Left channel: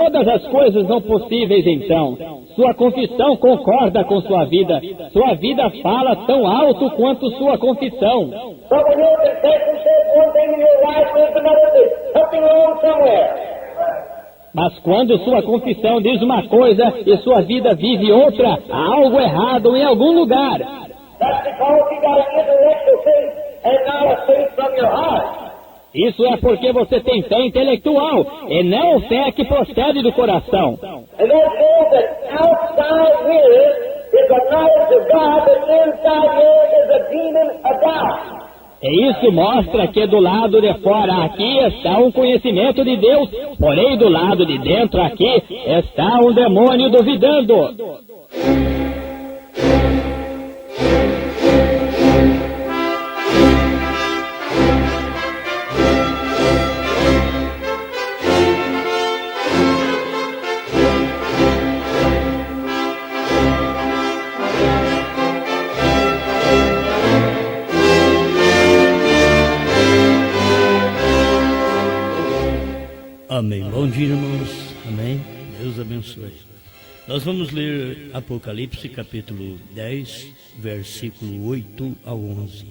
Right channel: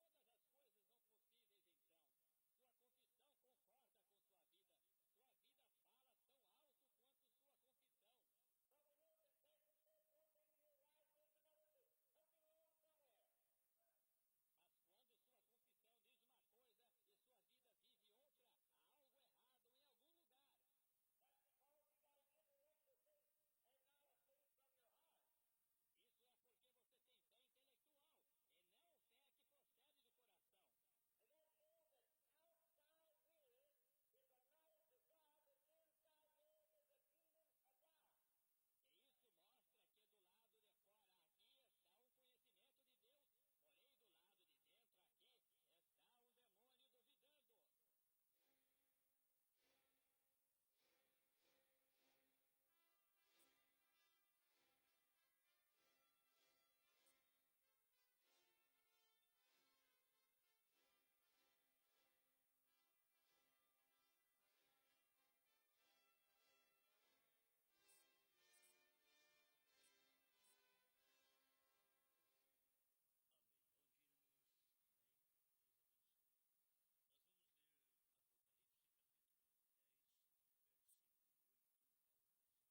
Todas as coisas são possíveis então. Sua confissão concorda com sua vida. Sua vida fala tão alto quanto sua confissão. But when your confession says one thing and your life says another, there's something wrong somewhere. Mas quando sua confissão diz uma coisa e sua vida vive outra, há algo errado em algum lugar. That's because you got an intellectual faith and not a faith from your heart. Isso é porque você tem fé intelectual e não fé que procede do coração. And that shows that outside here is a knowledge of God, but inside here is a demon of doubt. E isso mostra que do lado de fora aqui está um conhecimento de Deus, porém do lado de dentro aqui está um demônio duvidando. Amém. Bom dia, irmãos. Amém. Deus abençoe. Nós vamos ler Apocalipse, capítulo 10, versículo 8 ao 11.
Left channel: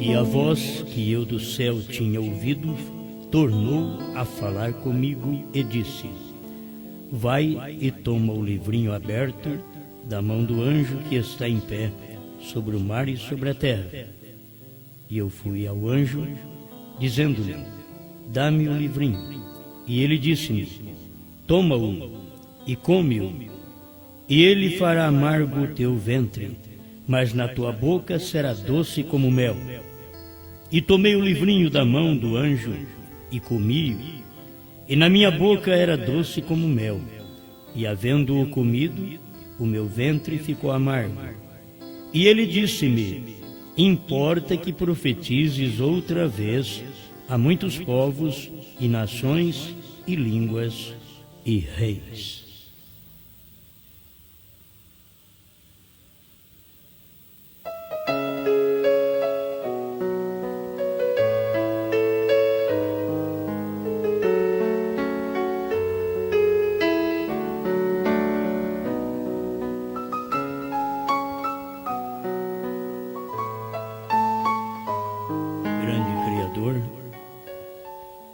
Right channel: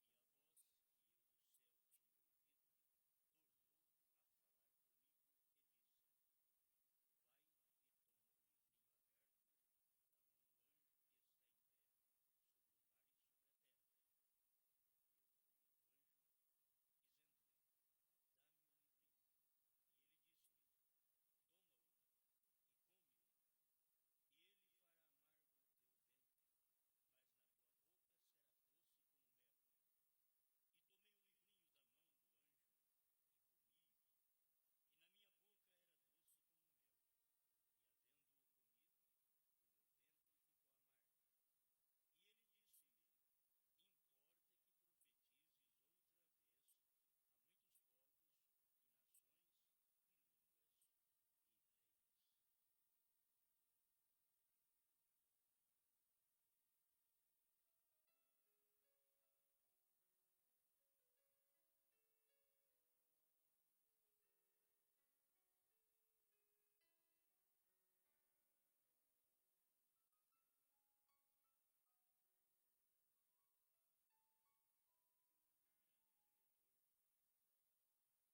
E a voz que eu do céu tinha ouvido tornou a falar comigo e disse: Vai e toma o livrinho aberto da mão do anjo que está em pé sobre o mar e sobre a terra. E eu fui ao anjo, dizendo-lhe: Dá-me o livrinho. E ele disse-me: Toma-o e come-o, e ele fará amargo o teu ventre, mas na tua boca será doce como mel. E tomei o livrinho da mão do anjo e comi-o, e na minha boca era doce como mel. E havendo-o comido, o meu ventre ficou amargo. E ele disse-me: Importa que profetizes outra vez a muitos povos e nações e línguas e reis.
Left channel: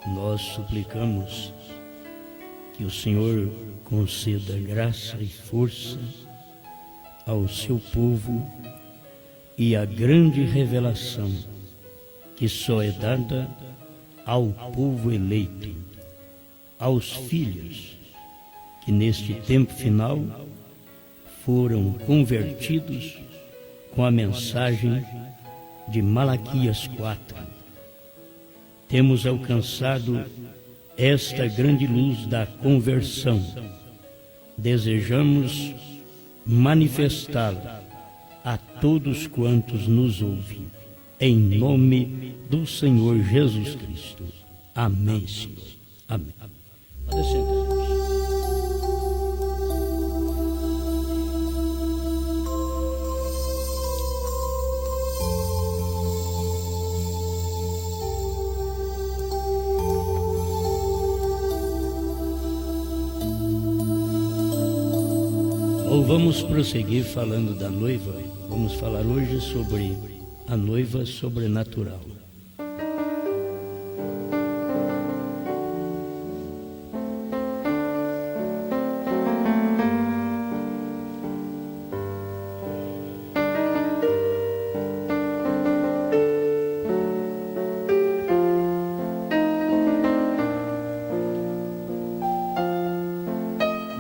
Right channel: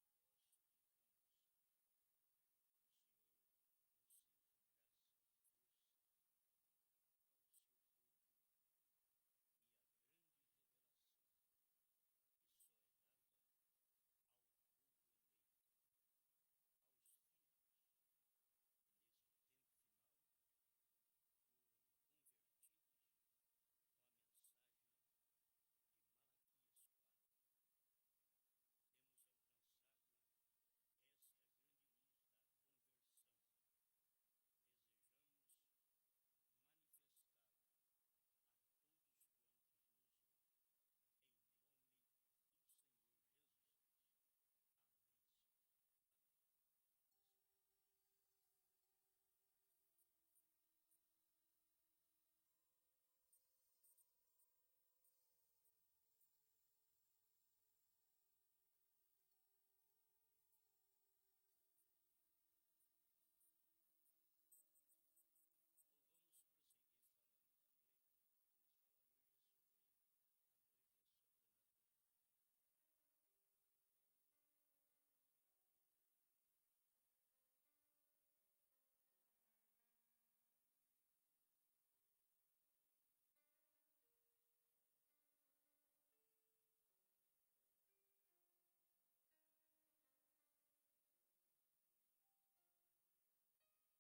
Nós suplicamos que o Senhor conceda graça e força ao seu povo e a grande revelação que só é dada ao povo eleito, aos filhos que neste tempo final foram convertidos com a mensagem de Malaquias 4. Temos alcançado esta grande luz da conversão. Desejamos manifestá-la a todos quantos nos ouvem. Em nome do Senhor Jesus Cristo. Amém, Senhor. Amém. Pode sentar. Vamos prosseguir falando da noiva. Vamos falar hoje sobre a noiva sobrenatural.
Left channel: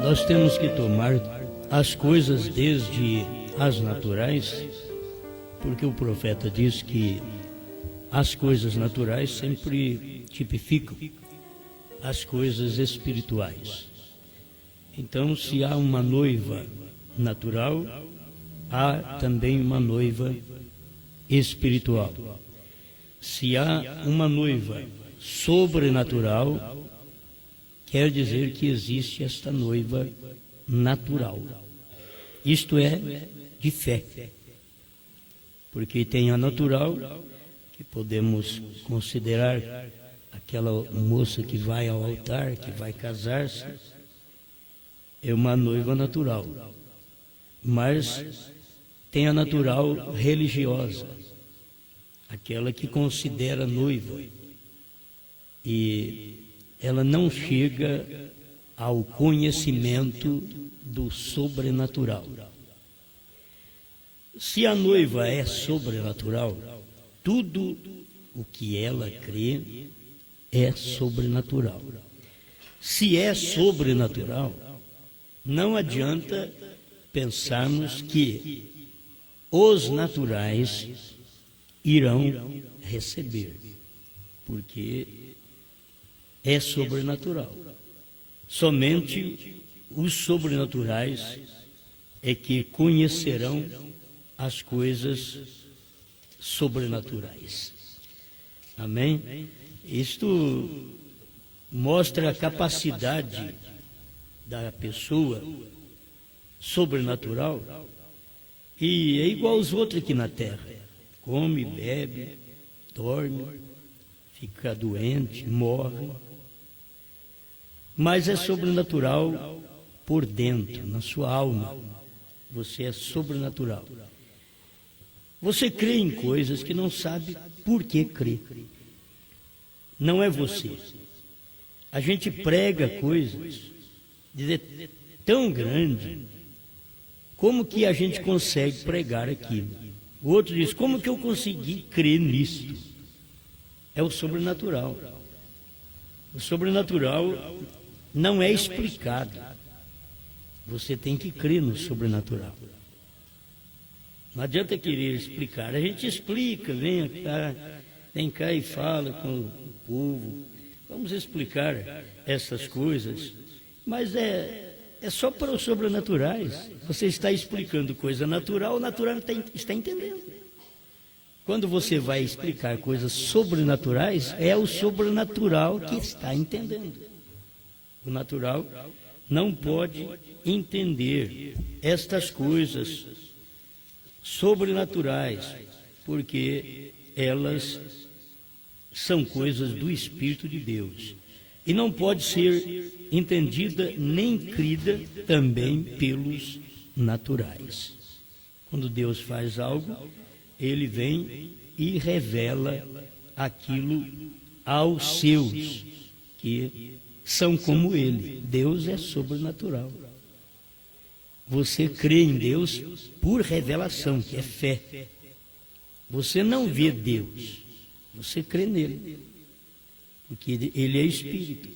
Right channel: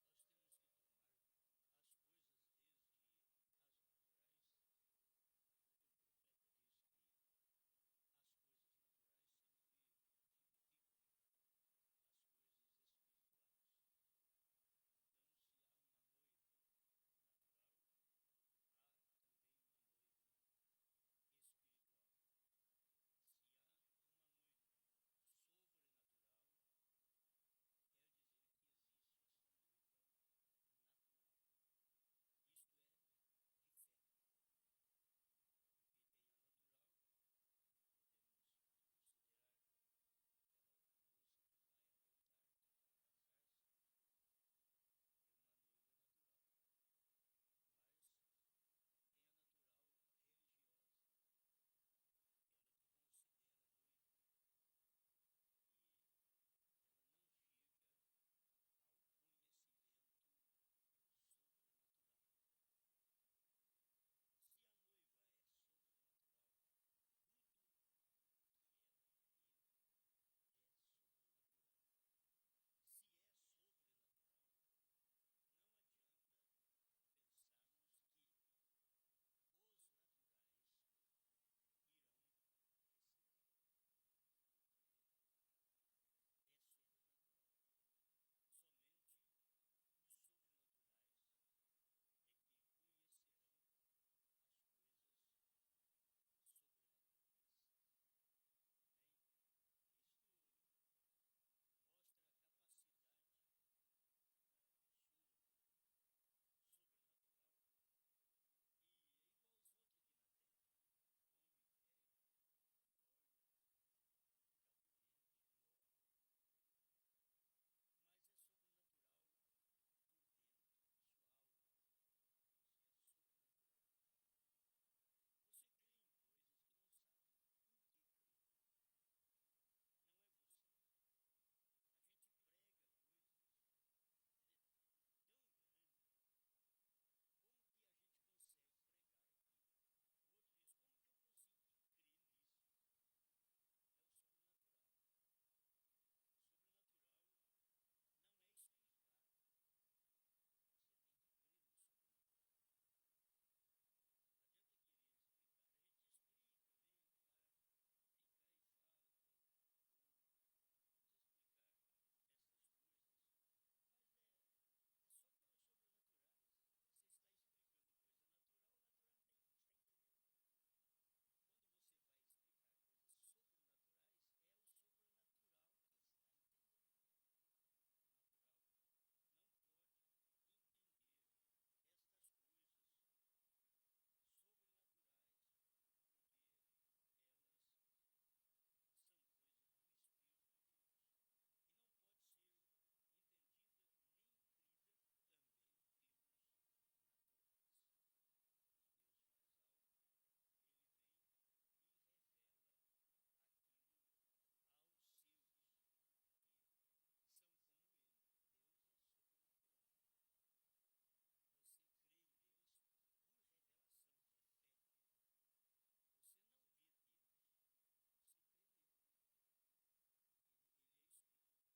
Nós temos que tomar as coisas desde as naturais, porque o profeta diz que as coisas naturais sempre tipificam as coisas espirituais. Então, se há uma noiva natural, há também uma noiva espiritual. Se há uma noiva sobrenatural, quer dizer que existe esta noiva natural. Isto é, de fé. Porque tem a natural, que podemos considerar aquela moça que vai ao altar, que vai casar-se, é uma noiva natural. Mas tem a natural religiosa, aquela que considera noiva, e ela não chega ao conhecimento do sobrenatural. Se a noiva é sobrenatural, tudo o que ela crê é sobrenatural. Se é sobrenatural, não adianta pensarmos que os naturais irão receber, porque é sobrenatural. Somente os sobrenaturais é que conhecerão as coisas sobrenaturais. Amém? Isto mostra a capacidade da pessoa sobrenatural, e é igual aos outros aqui na terra. Come, bebe, dorme, fica doente, morre. Mas é sobrenatural por dentro, na sua alma. Você é sobrenatural. Você crê em coisas que não sabe por que crê. Não é você. A gente prega coisas tão grande, como que a gente consegue pregar aquilo? O outro diz, como que eu consegui crer nisto? É o sobrenatural. O sobrenatural não é explicado. Você tem que crer no sobrenatural. Não adianta querer explicar. A gente explica, vem cá e fala com o povo. Vamos explicar essas coisas. Mas é só para os sobrenaturais. Você está explicando coisa natural, o natural está entendendo. Quando você vai explicar coisas sobrenaturais, é o sobrenatural que está entendendo. O natural não pode entender estas coisas sobrenaturais, porque elas são coisas do Espírito de Deus. E não pode ser entendida nem crida também pelos naturais. Quando Deus faz algo, Ele vem e revela aquilo aos seus, que são como Ele. Deus é sobrenatural. Você crê em Deus por revelação, que é fé. Você não vê Deus, você crê nele, porque Ele é Espírito.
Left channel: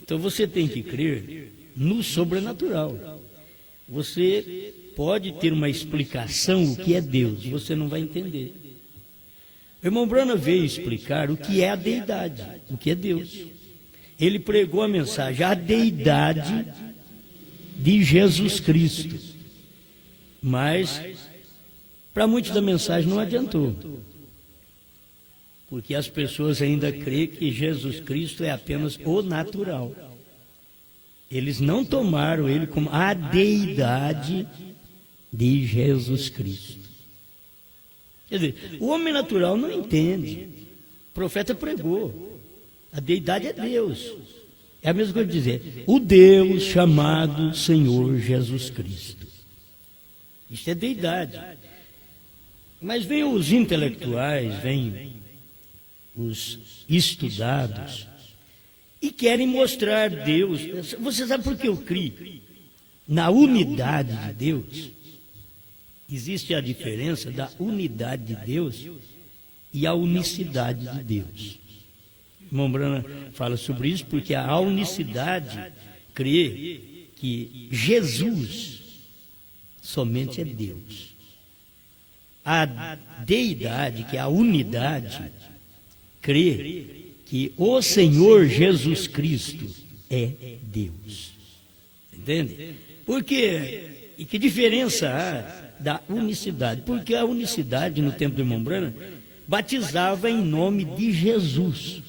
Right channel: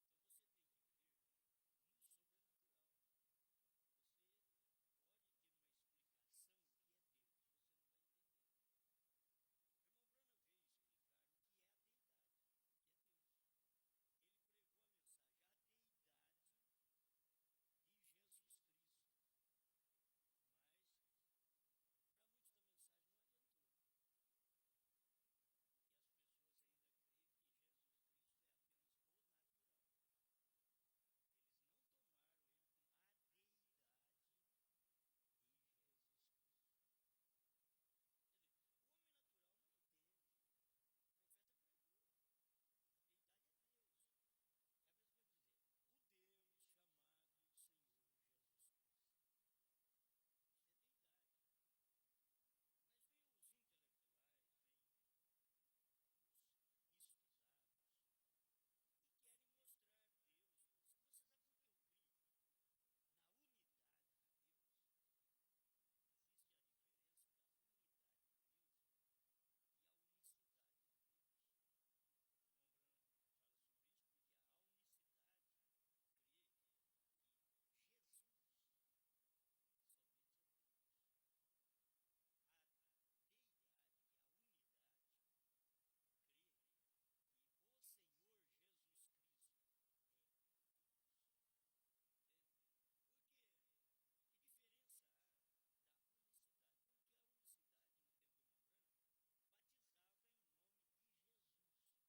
Então você tem que crer no sobrenatural. Você pode ter uma explicação o que é Deus, você não vai entender. O irmão Branham veio explicar o que é a deidade, o que é Deus. Ele pregou a mensagem, a deidade de Jesus Cristo. Mas, para muitos da mensagem não adiantou. Porque as pessoas ainda creem que Jesus Cristo é apenas o natural. Eles não tomaram ele como a deidade de Jesus Cristo. Quer dizer, o homem natural não entende. O profeta pregou. A deidade é Deus. É a mesma coisa de dizer, o Deus chamado Senhor Jesus Cristo. Isso é deidade. Mas vem os intelectuais, vem os estudados, e querem mostrar Deus. Você sabe por que eu creio? Na unidade de Deus. Existe a diferença da unidade de Deus e a unicidade de Deus. O irmão Branham fala sobre isso porque a unicidade crê que Jesus somente é Deus. A deidade, que é a unidade, crê que o Senhor Jesus Cristo é Deus. Entende? Porque, e que diferença há da unicidade, porque a unicidade no tempo do irmão Branham batizava em nome de Jesus.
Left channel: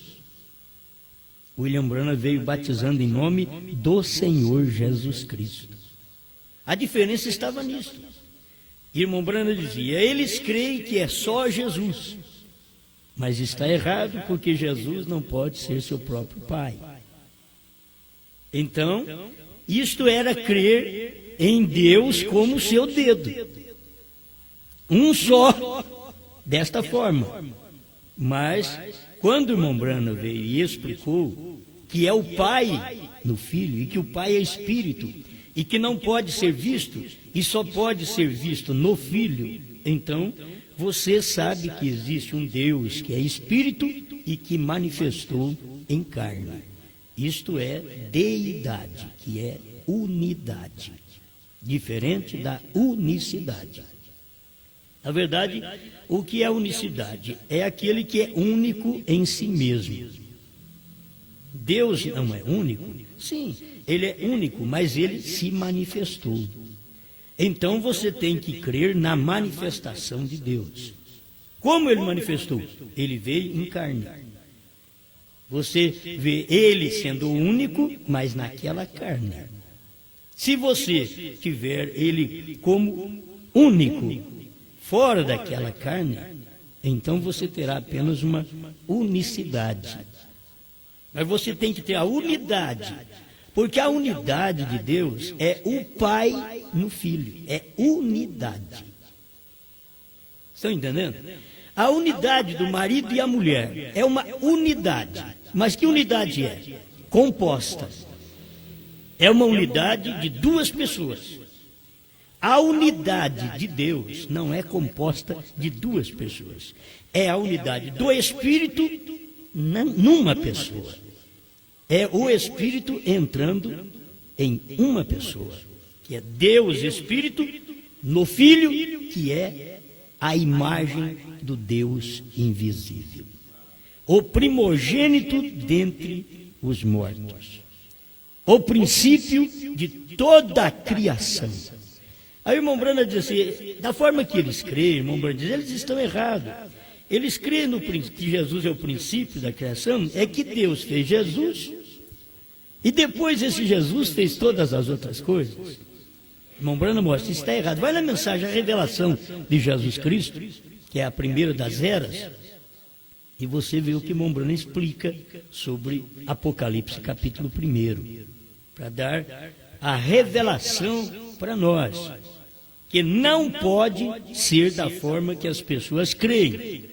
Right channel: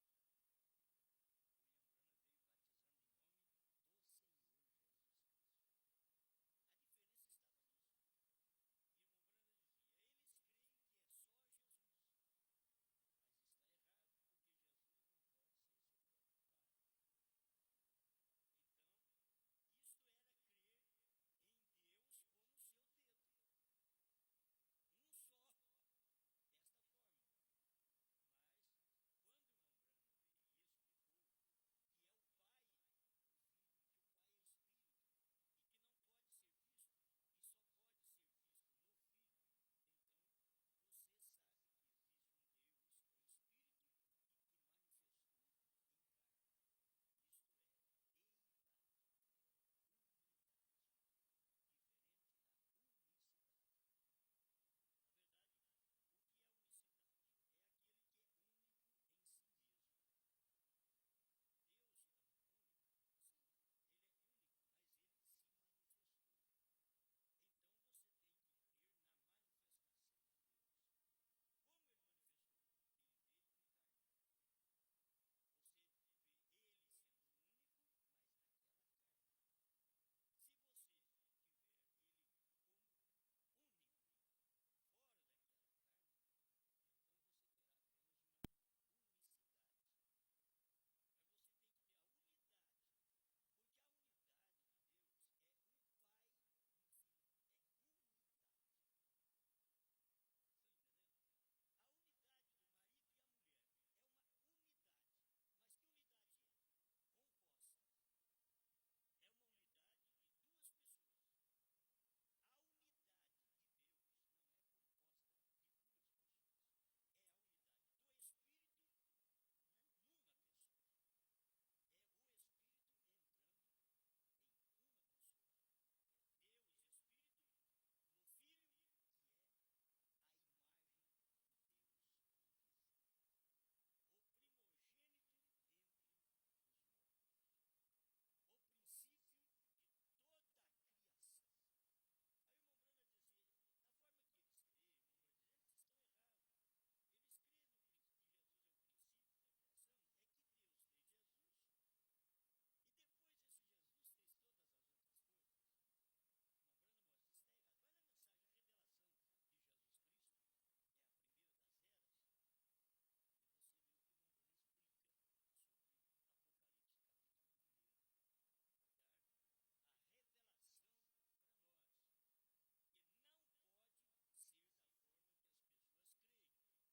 William Branham veio batizando em nome do Senhor Jesus Cristo. A diferença estava nisso. Irmão Branham dizia, eles creem que é só Jesus, mas está errado, porque Jesus não pode ser seu próprio Pai. Então, isto era crer em Deus como seu dedo, um só, desta forma. Mas, quando o irmão Branham veio e explicou que é o Pai no Filho, e que o Pai é Espírito, e que não pode ser visto, e só pode ser visto no Filho, então você sabe que existe um Deus que é Espírito e que manifestou em carne. Isto é deidade, que é unidade, diferente da unicidade. Na verdade, o que é unicidade? É aquele que é único em si mesmo. Deus não é único? Sim, ele é único, mas ele se manifestou. Então você tem que crer na manifestação de Deus. Como ele manifestou? Ele veio em carne. Você vê ele sendo único, mas naquela carne. Se você tiver ele como único, fora daquela carne, então você terá apenas uma unicidade. Mas você tem que ter a unidade, porque a unidade de Deus é o Pai no Filho, é unidade. Estão entendendo? A unidade do marido e a mulher é uma unidade, mas que unidade é? Composta. É uma unidade de duas pessoas. A unidade de Deus não é composta de duas pessoas. É a unidade do Espírito numa pessoa. É o Espírito entrando em uma pessoa, que é Deus Espírito, no Filho, que é a imagem do Deus invisível. O primogênito dentre os mortos. O princípio de toda a criação. Aí o irmão Branham diz assim, da forma que eles creem, irmão Branham diz, eles estão errados. Eles creem que Jesus é o princípio da criação, é que Deus fez Jesus, e depois esse Jesus fez todas as outras coisas. Irmão Branham mostra, isso está errado. Vai na mensagem, a revelação de Jesus Cristo, que é a primeira das eras, e você vê o que irmão Branham explica sobre Apocalipse capítulo 1, para dar a revelação para nós, que não pode ser da forma que as pessoas creem.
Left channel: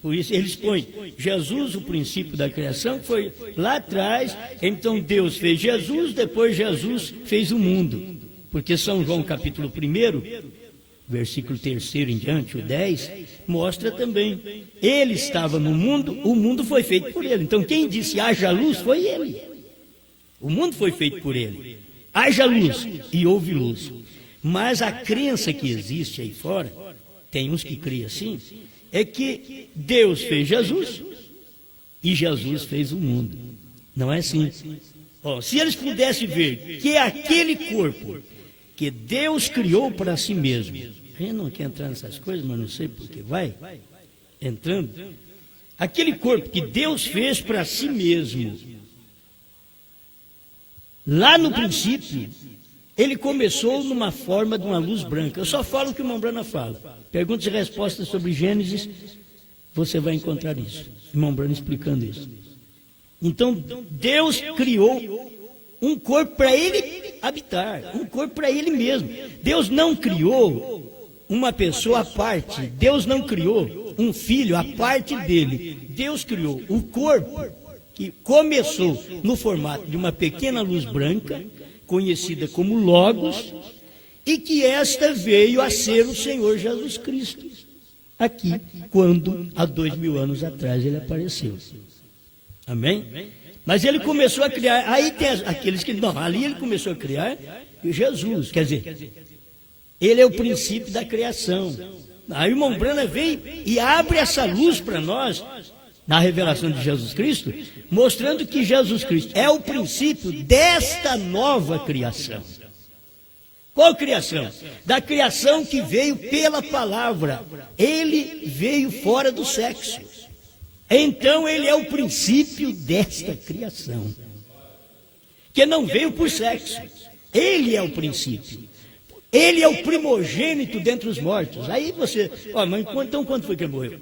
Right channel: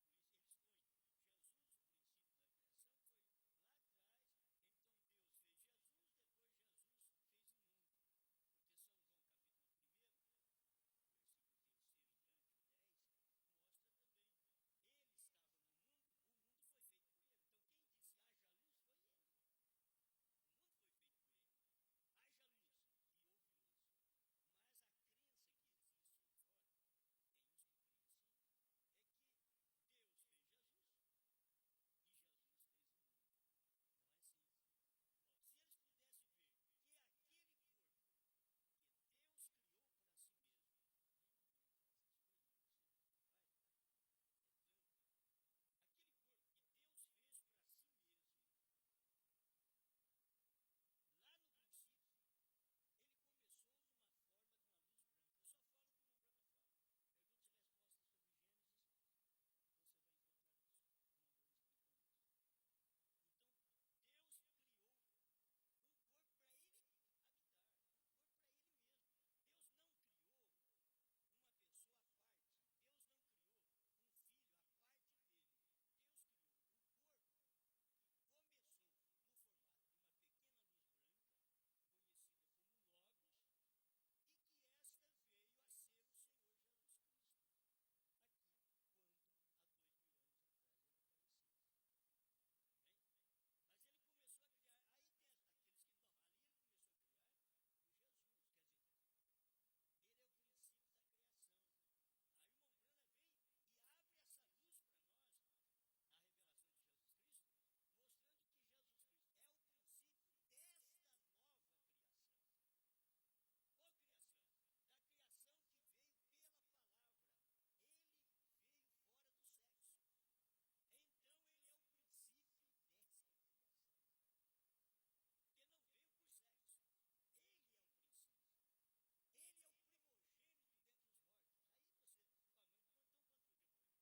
Por isso eles põem Jesus, o princípio da criação, foi lá atrás, então Deus fez Jesus, depois Jesus fez o mundo. Porque São João capítulo 1, versículo 3 em diante, o 10, mostra também. Ele estava no mundo, o mundo foi feito por ele. Então quem disse haja luz foi ele. O mundo foi feito por ele. Haja luz e houve luz. Mas a crença que existe aí fora, tem uns que criam assim, é que Deus fez Jesus e Jesus fez o mundo. Não é assim. Se eles pudessem ver que é aquele corpo que Deus criou para si mesmo, a gente não quer entrar nessas coisas, mas não sei porque vai entrando. Aquele corpo que Deus fez para si mesmo, lá no princípio, ele começou numa forma de uma luz branca. Eu só falo o que o irmão Branham fala. Perguntas e respostas sobre Gênesis, você vai encontrar isso. O irmão Branham explicando isso. Então, Deus criou um corpo para ele habitar, um corpo para ele mesmo. Deus não criou uma pessoa à parte. Deus não criou um filho à parte dele. Deus criou o corpo que começou no formato de uma pequena luz branca, conhecida como Logos, e que esta veio a ser o Senhor Jesus Cristo, aqui, quando, há 2000 anos atrás, ele apareceu. Amém? Mas ele começou a criar, aí tem aqueles que, não, ali ele começou a criar Jesus, quer dizer, ele é o princípio da criação. Aí o irmão Branham vem e abre essa luz para nós, na revelação de Jesus Cristo, mostrando que Jesus Cristo é o princípio desta nova criação. Qual criação? Da criação que veio pela palavra. Ele veio fora do sexo. Então ele é o princípio desta criação, que não veio por sexo. Ele é o princípio. Ele é o primogênito dentre os mortos. Aí você, mas então quando foi que ele morreu?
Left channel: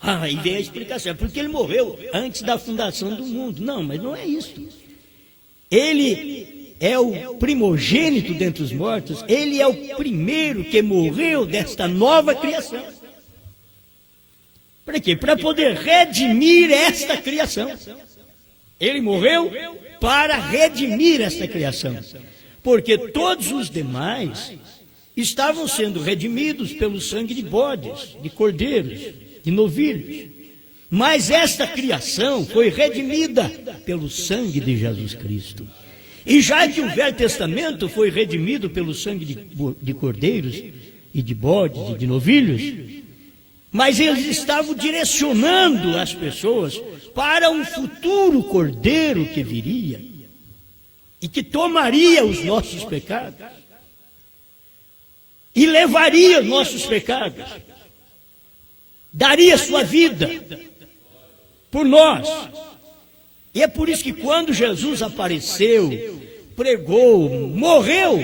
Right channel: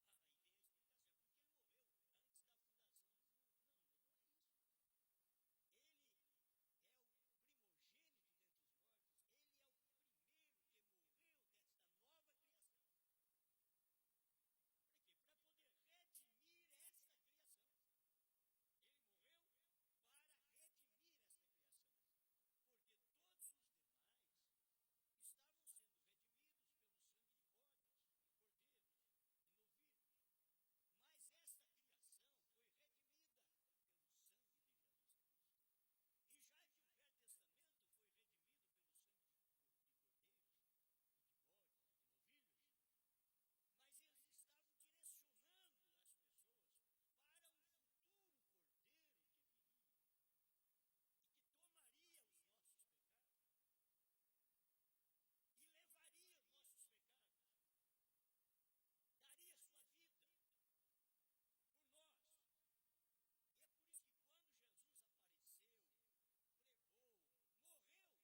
Aí vem a explicação, porque ele morreu antes da fundação do mundo. Não, mas não é isso. Ele é o primogênito dentre os mortos, ele é o primeiro que morreu desta nova criação. Para quê? Para poder redimir esta criação. Ele morreu para redimir esta criação. Porque todos os demais estavam sendo redimidos pelo sangue de bodes, de cordeiros, de novilhos. Mas esta criação foi redimida pelo sangue de Jesus Cristo. E já que o Velho Testamento foi redimido pelo sangue de cordeiros e de bodes e de novilhos, mas eles estavam direcionando as pessoas para um futuro cordeiro que viria e que tomaria os nossos pecados e levaria os nossos pecados, daria sua vida por nós. E é por isso que quando Jesus apareceu, pregou, morreu,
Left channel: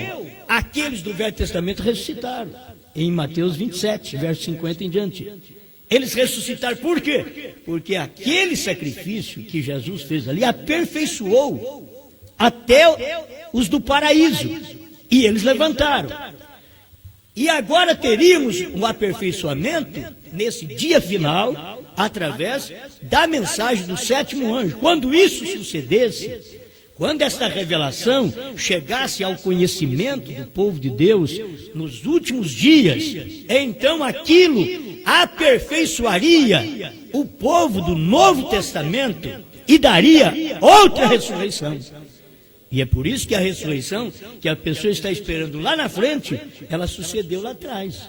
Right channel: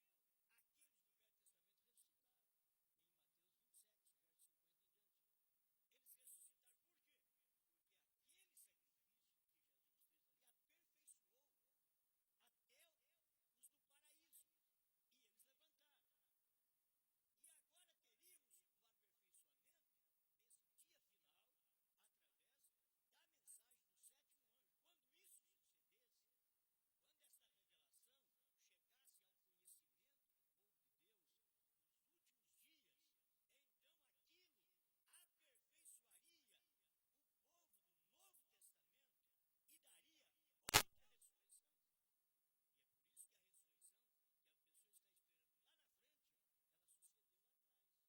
aqueles do Velho Testamento ressuscitaram. Em Mateus 27, verso 50 em diante. Eles ressuscitaram por quê? Porque aquele sacrifício que Jesus fez ali aperfeiçoou até os do paraíso. E eles levantaram. E agora teríamos um aperfeiçoamento nesse dia final, através da mensagem do sétimo anjo. Quando isso sucedesse, quando esta revelação chegasse ao conhecimento do povo de Deus nos últimos dias, então aquilo aperfeiçoaria o povo do Novo Testamento e daria outra ressurreição. E é por isso que a ressurreição, que a pessoa está esperando lá na frente, ela sucedeu lá atrás.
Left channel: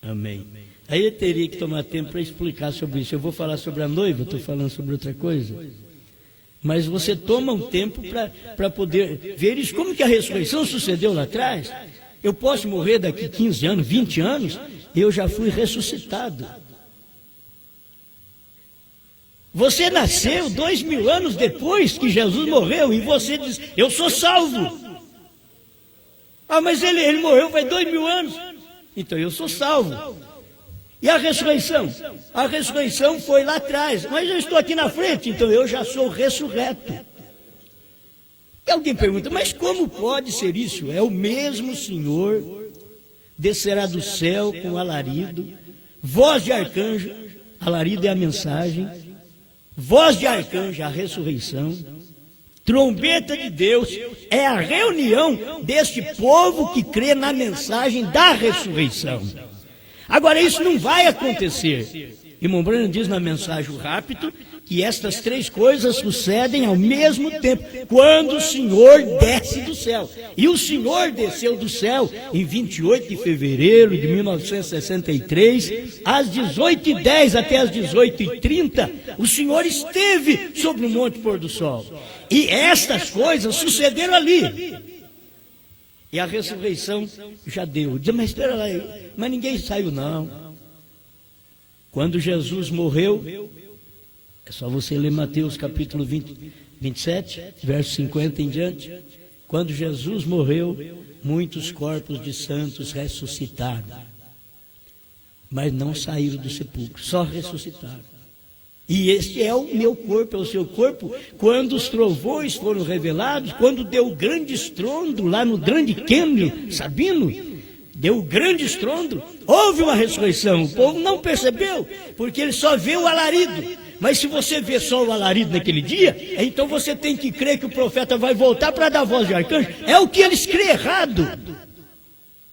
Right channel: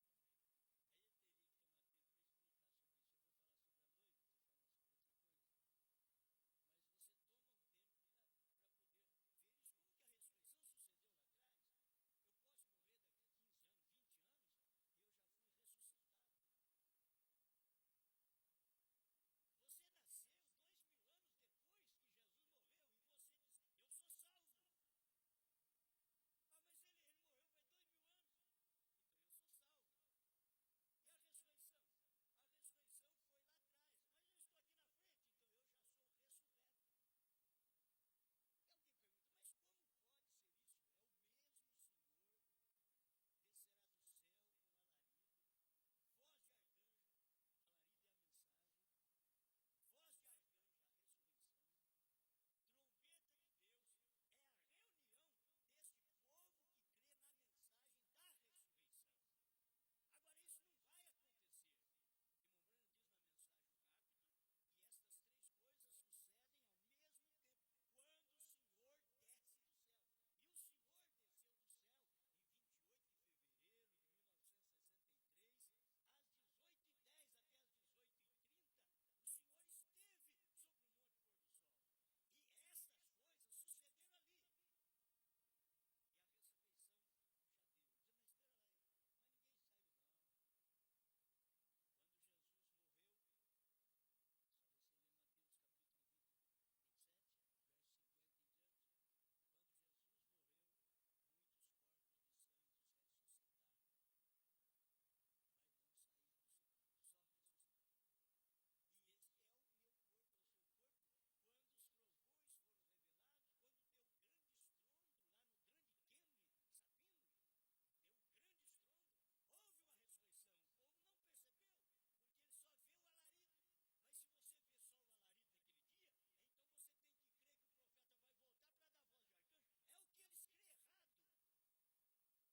Amém. Aí eu teria que tomar tempo para explicar sobre isso. Eu vou falar sobre a noiva, estou falando sobre outra coisa. Mas você toma um tempo para poder ver isso. Como que a ressurreição sucedeu lá atrás? Eu posso morrer daqui 15 anos, 20 anos, eu já fui ressuscitado. Você nasceu 2000 anos depois que Jesus morreu e você diz, eu sou salvo. Mas ele morreu faz 2000 anos. Então eu sou salvo. E a ressurreição? A ressurreição foi lá atrás, mas eu estou aqui na frente, então eu já sou ressurreto. E alguém pergunta, mas como pode ser isso? É o mesmo Senhor, descerá do céu com alarido, voz de arcanjo, alarido é a mensagem, voz de arcanjo, a ressurreição, trombeta de Deus, é a reunião deste povo que crê na mensagem da ressurreição. Agora, isso não vai acontecer. Irmão Branham diz na mensagem o rápido que estas três coisas sucedem ao mesmo tempo, quando o Senhor desce do céu. E o Senhor desceu do céu em 28 de fevereiro de 1963, às 18h10 até às 18h30, o Senhor esteve sobre o Monte Pôr do Sol. E estas coisas sucederam ali. E a ressurreição já deu. Diz, mas espera lá, mas ninguém saiu não. Quando Jesus morreu, é só você ler Mateus capítulo 27, verso 50 em diante. Quando Jesus morreu, muitos corpos de santos ressuscitaram. Mas não saíram do sepulcro, só ressuscitaram. E este é o meu corpo, é o seu corpo. Quando os trovões foram revelados, quando deu o grande estrondo lá no Grande Cânion, Sabino, deu o grande estrondo, houve uma ressurreição. O povo não percebeu, porque ele só vê o alarido. Mas se você vê só o alarido naquele dia, então você tem que crer que o profeta vai voltar para dar voz de arcanjo. É o que eles creem errado.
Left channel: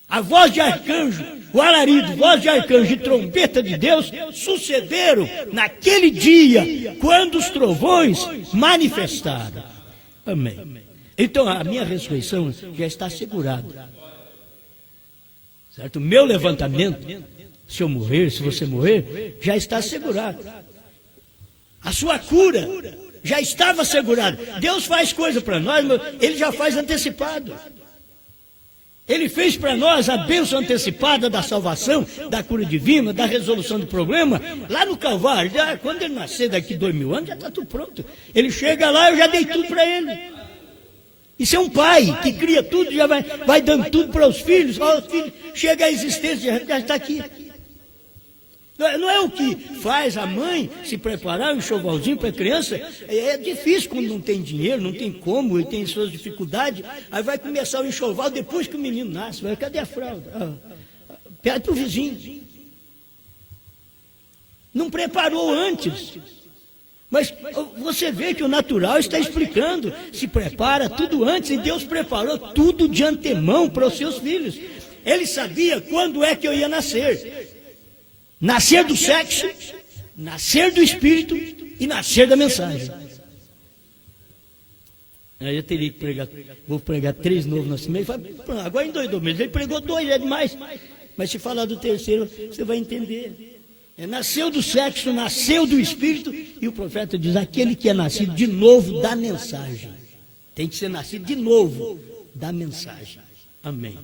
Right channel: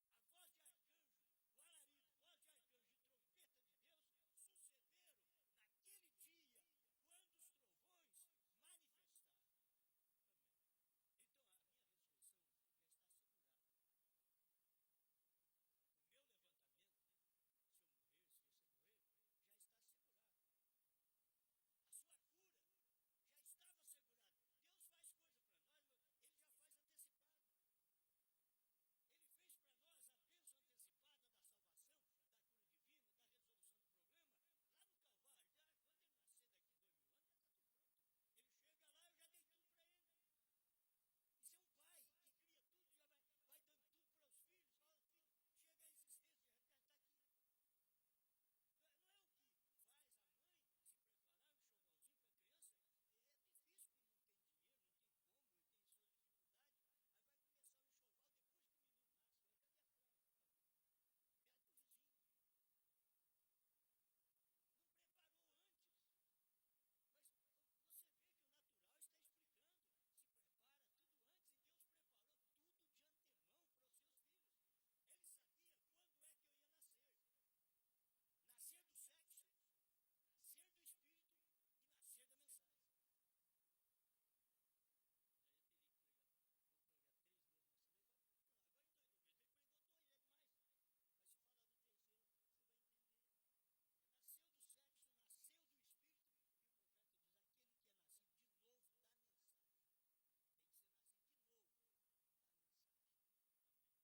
A voz de arcanjo, o alarido, voz de arcanjo e trombeta de Deus sucederam naquele dia, quando os trovões manifestaram. Amém. Então a minha ressurreição já está assegurada. Certo? O meu levantamento, se eu morrer, se você morrer, já está assegurado. A sua cura já estava assegurada. Deus faz coisa para nós, mas Ele já faz antecipado. Ele fez para nós a bênção antecipada da salvação, da cura divina, da resolução do problema, lá no Calvário. Quando ele nascer daqui 2000 anos, já está tudo pronto. Ele chega lá, eu já dei tudo para ele. Isso é um pai que cria tudo, já vai dando tudo para os filhos. Ó, os filhos chega à existência, já está aqui. Não é o que faz a mãe se preparar um enxovalzinho para a criança. É difícil quando não tem dinheiro, não tem como, e tem suas dificuldades. Aí vai começar o enxoval depois que o menino nasce. Cadê a fralda? Pede para o vizinho. Não preparou antes. Mas você vê que o natural está explicando. Se prepara tudo antes, e Deus preparou tudo de antemão para os seus filhos. Ele sabia quando é que eu ia nascer. Nascer do sexo, nascer do espírito e nascer da mensagem. Aí eu teria que pregar, vou pregar 3 novos nascimentos. Agora endoidou mesmo, ele pregou 2, é demais. Mas se falar do terceiro, você vai entender. Nasceu do sexo, nasceu do espírito, e o profeta diz, aquele que é nascido de novo da mensagem. Tem que ser nascido de novo da mensagem. Amém.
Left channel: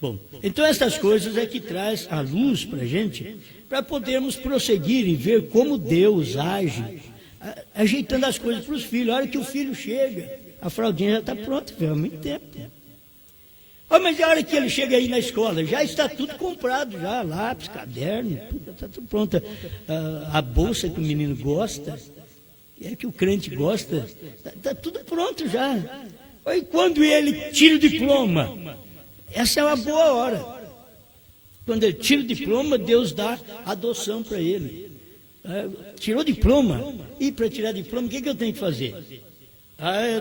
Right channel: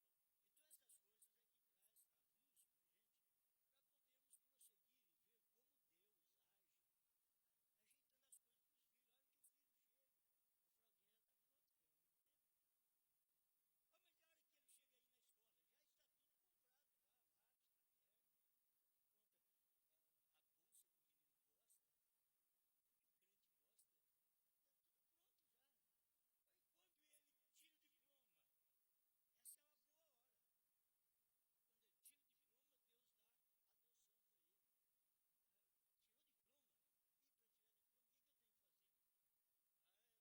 Bom, então essas coisas é que traz a luz para a gente, para podermos prosseguir e ver como Deus age, ajeitando as coisas para os filhos. A hora que o filho chega, a fraldinha já está pronta, há muito tempo. Mas a hora que ele chega aí na escola, já está tudo comprado, já, lápis, caderno, está tudo pronto. A bolsa que o menino gosta, que o crente gosta, está tudo pronto já. E quando ele tira o diploma, essa é uma boa hora. Quando ele tira o diploma, Deus dá adoção para ele. Tirou o diploma, e para tirar diploma, o que eu tenho que fazer?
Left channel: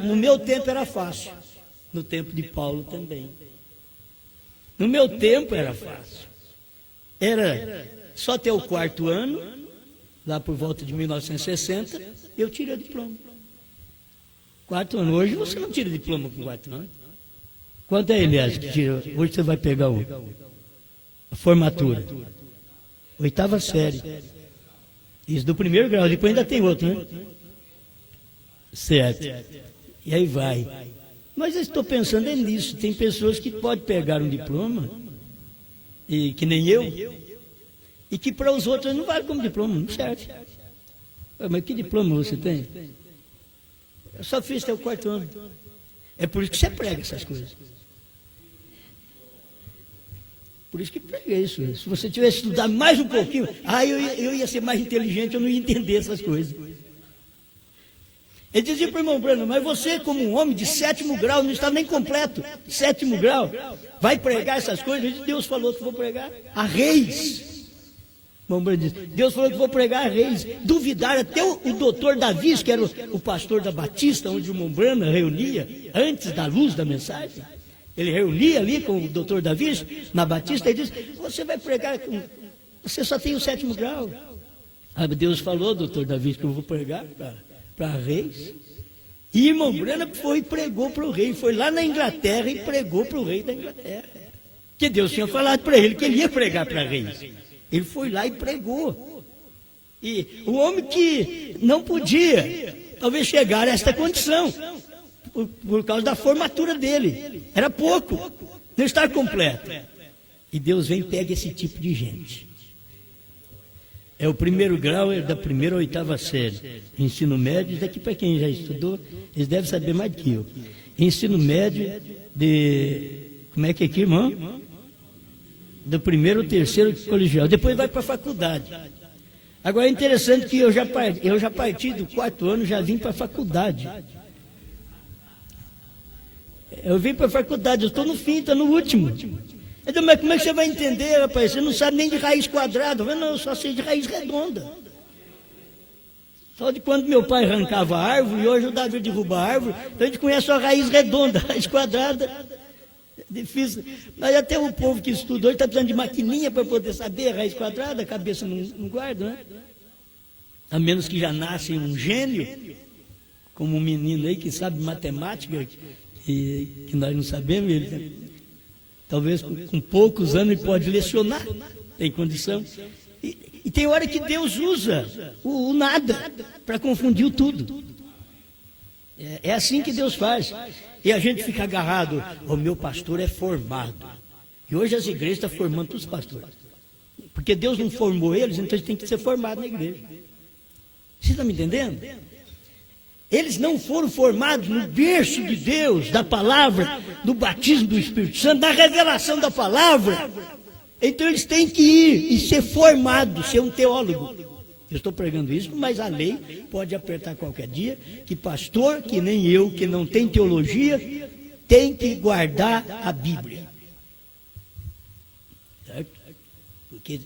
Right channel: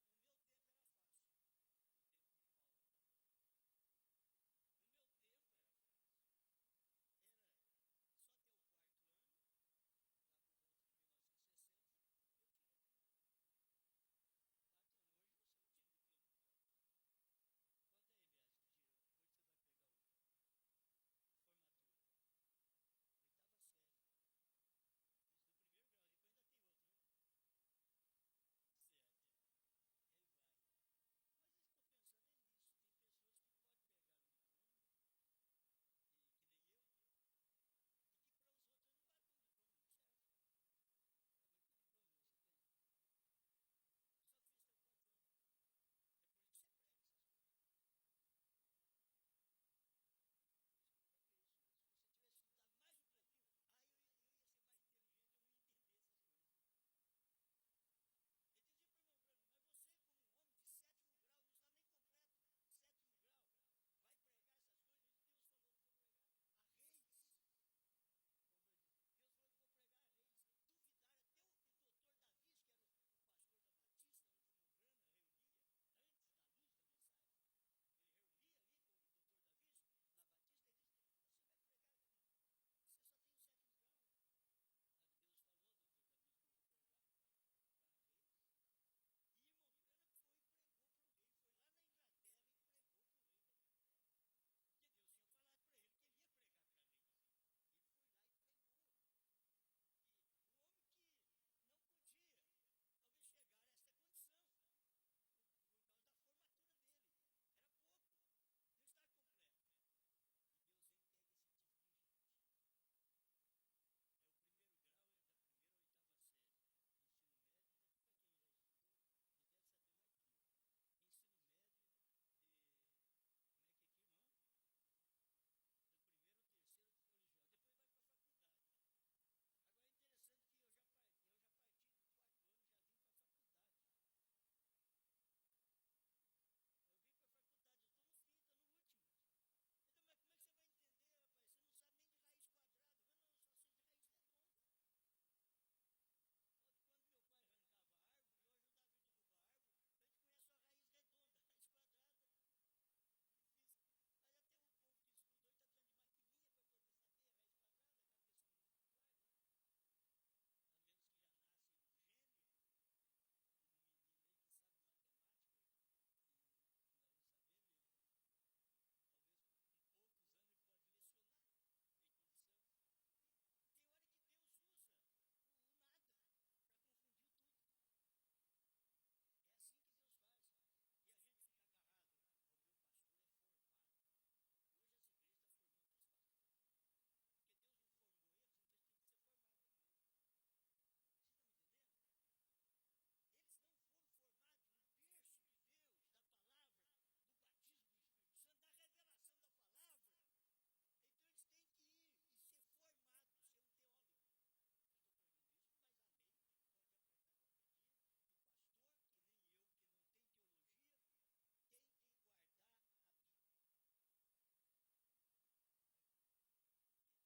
No meu tempo era fácil, no tempo de Paulo também. No meu tempo era fácil. Era só ter o 4º ano, lá por volta de 1960, eu tirei o diploma. 4 anos. Hoje você não tira diploma com 4 anos. Quanto é, Elias, que tira? Hoje você vai pegar a formatura. 8ª série. Isso do 1º grau, depois ainda tem outro, né? Certo. E aí vai. Mas eu estou pensando nisso. Tem pessoas que podem pegar um diploma, e que nem eu, e que para os outros não vale como diploma, não serve. Mas que diploma você tem? Eu só fiz até o 4º ano. É por isso que você prega essas coisas. Por isso que prega isso. Se você tivesse estudado mais um pouquinho, eu ia ser mais inteligente, eu não ia entender essas coisas. Ele dizia para o irmão Brano, mas você, como um homem de 7º grau, não estava nem completo, 7º grau, vai pregar essas coisas? Deus falou que vou pregar a reis. O irmão Brano disse, Deus falou que vou pregar a reis. Duvidaram até o doutor Davi, que era o pastor da Batista, onde o irmão Brano reunia, antes da luz da mensagem. Ele reunia ali com o doutor Davi, na Batista, e disse, você vai pregar, você só tem o 7º grau. Deus falou, doutor Davi, que eu vou pregar para reis. E irmão Brana foi e pregou para o rei, foi lá na Inglaterra e pregou para o rei da Inglaterra, que Deus tinha falado para ele que ele ia pregar para reis. Ele foi lá e pregou. E o homem que não podia talvez chegar a esta condição por causa da formatura dele, era pouco, não está completo. E Deus vem e pega esse tipo de gente. É o 1º grau, é da 1ª à 8ª série. Ensino médio, daqui para quem já estudou, eles devem saber mais do que eu. Ensino médio como é que é aqui, irmão? Do 1º ao 3º colegial. Depois vai para a faculdade. Agora é interessante que eu já parti do 4º ano, já vim para a faculdade. Eu vim para a faculdade, eu estou no fim, estou no último. Então, mas como é que você vai entender, rapaz? Você não sabe nem de raiz quadrada. Não, eu só sei de raiz redonda. Só de quando meu pai arrancava a árvore, e hoje o Davi derruba a árvore, então a gente conhece só a raiz redonda, a raiz quadrada. Difícil. Mas até o povo que estuda hoje está precisando de maquininha para poder saber a raiz quadrada, a cabeça não guarda, né? A menos que já nasce um gênio, como um menino aí que sabe matemática, que nós não sabemos, ele talvez com poucos anos ele pode lecionar, tem condição. E tem hora que Deus usa o nada para confundir o tudo. É assim que Deus faz. E a gente fica agarrado, o meu pastor é formado. E hoje as igrejas estão formando todos os pastores. Porque Deus não formou eles, então eles têm que ser formados na igreja. Você está me entendendo? Eles não foram formados no berço de Deus, da palavra, do batismo do Espírito Santo, da revelação da palavra. Então eles têm que ir e ser formados, ser um teólogo. Eu estou pregando isso, mas a lei pode apertar qualquer dia, que pastor, que nem eu, que não tem teologia, tem que guardar a Bíblia. Certo? Porque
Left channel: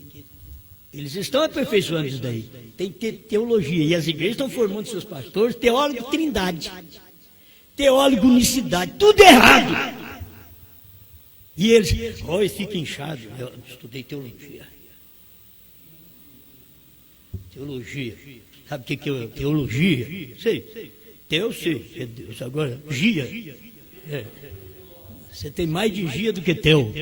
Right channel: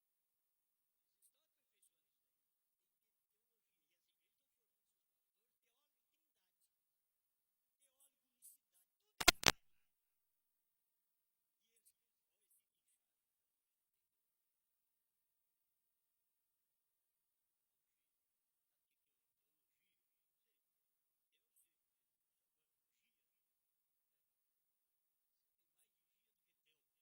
eles estão aperfeiçoando isso daí. Tem que ter teologia. E as igrejas estão formando seus pastores, teólogo trindade, teólogo unicidade, tudo errado. E eles, eles ficam inchados. Eu estudei teologia. Teologia. Sabe o que é teologia? Sei. Eu sei. É Deus. Agora, gia. Você tem mais de gia do que teu.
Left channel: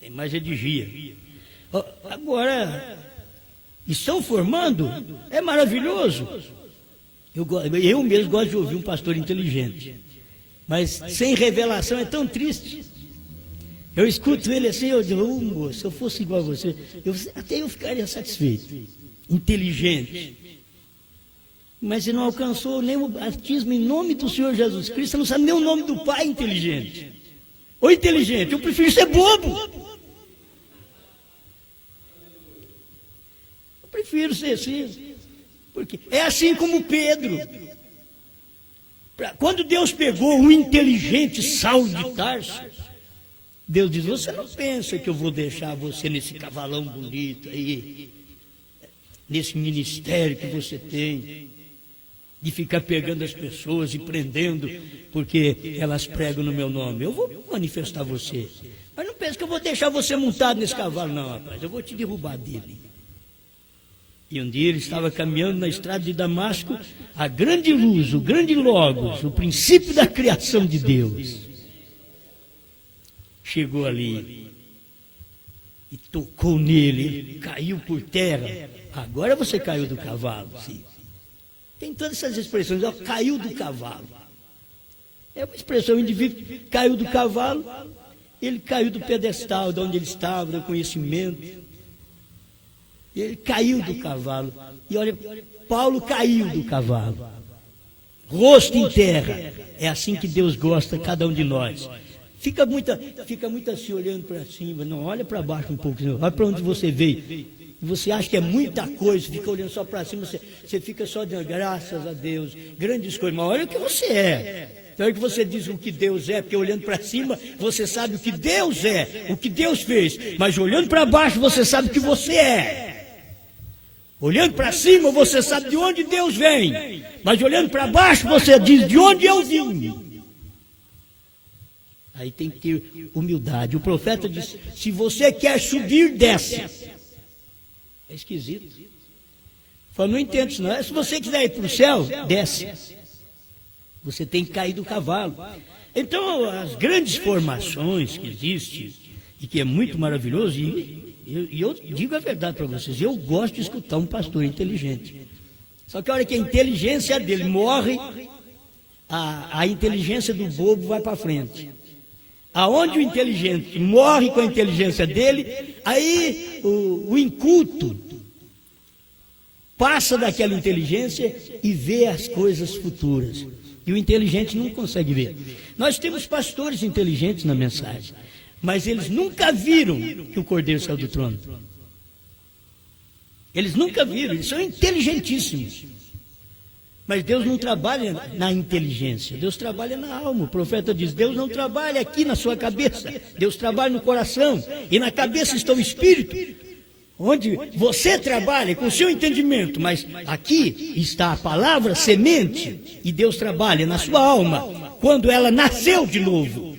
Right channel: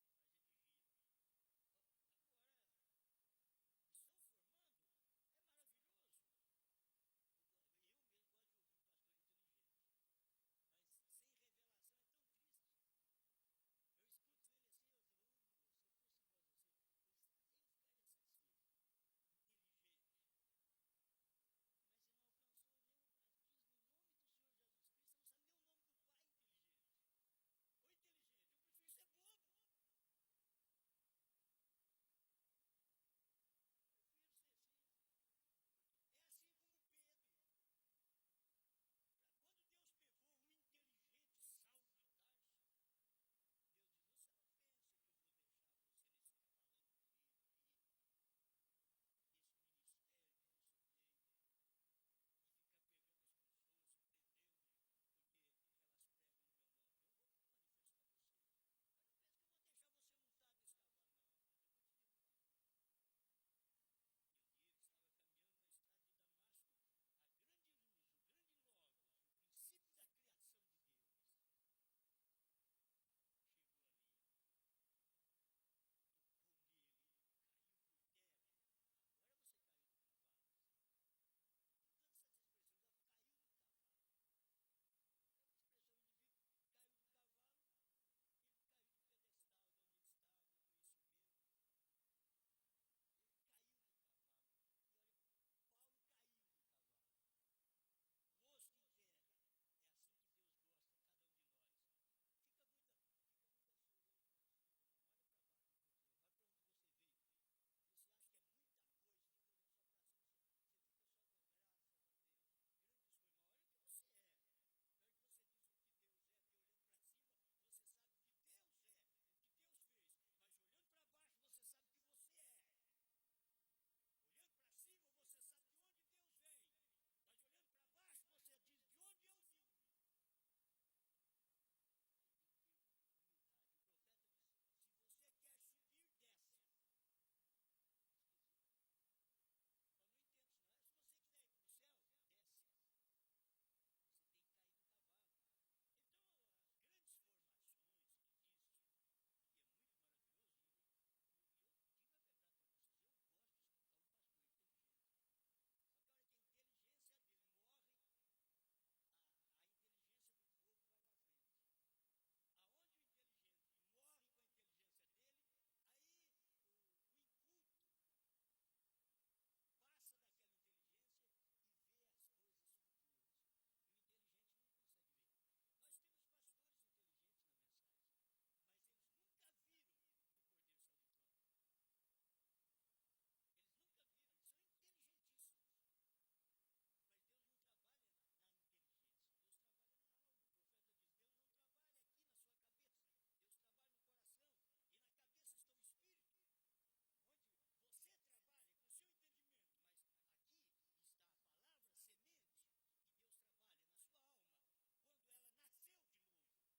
Tem mais de gia. Agora, estão formando? É maravilhoso. Eu mesmo gosto de ouvir um pastor inteligente. Mas sem revelação é tão triste. Eu escuto ele assim, eu digo, moço, se eu fosse igual a você, até eu ficaria satisfeito. Inteligente. Mas você não alcançou nem o batismo em nome do Senhor Jesus Cristo, você não sabe nem o nome do Pai inteligente. Ou inteligente, eu prefiro ser bobo. Eu prefiro ser assim. Porque é assim como Pedro. Quando Deus pegou o inteligente Saulo de Tarso, Deus diz, você não pensa que eu vou deixar você nesse cavalão bonito aí, nesse ministério que você tem, de ficar pegando as pessoas e prendendo, porque elas pregam no meu nome. Eu vou manifestar você. Mas não pensa que eu vou deixar você montado nesse cavalo, não, rapaz. Eu vou te derrubar dele. E um dia ele estava caminhando na estrada de Damasco, a grande luz, o grande logos, o princípio da criação de Deus, chegou ali e tocou nele, ele caiu por terra. Agora você caiu do cavalo, sim. Tem todas essas expressões, ó, caiu do cavalo. É uma expressão, o indivíduo caiu do cavalo, ele caiu do pedestal, de onde ele estava, do conhecimento. Ele caiu do cavalo. E olha, Paulo caiu do cavalo. Rosto em terra. É assim que Deus gosta, cada um de nós. Fica muito assim olhando para cima. Não, olha para baixo um pouco. Olha para onde você veio. Você acha que é muita coisa, fica olhando só para cima. Você fica só dizendo, graças a Deus, grandes coisas. Mas olha o que você é. Então é que você diz o que Deus é, porque olhando para cima, você sabe o que Deus é, o que Deus fez. Mas olhando para baixo, você sabe o que você é. Olhando para cima, você sabe de onde Deus vem. Mas olhando para baixo, você diz de onde eu vim. Aí tem que ter humildade. O profeta diz, se você quer subir, desce. É esquisito. Fala, não entendo isso não. Se você quiser ir para o céu, desce. Você tem que cair do cavalo. Então, as grandes formações que existem, e que é muito maravilhoso, e eu digo a verdade para vocês, eu gosto de escutar um pastor inteligente. Só que a hora que a inteligência dele morre, a inteligência do bobo vai para frente. Aonde o inteligente morre com a inteligência dele, aí o inculto passa daquela inteligência e vê as coisas futuras. E o inteligente não consegue ver. Nós temos pastores inteligentes na mensagem, mas eles nunca viram que o Cordeiro saiu do trono. Eles nunca viram, eles são inteligentíssimos. Mas Deus não trabalha na inteligência, Deus trabalha na alma. O profeta diz, Deus não trabalha aqui na sua cabeça, Deus trabalha no coração, e na cabeça está o Espírito, onde você trabalha com o seu entendimento, mas aqui está a palavra semente, e Deus trabalha na sua alma, quando ela nasceu de novo.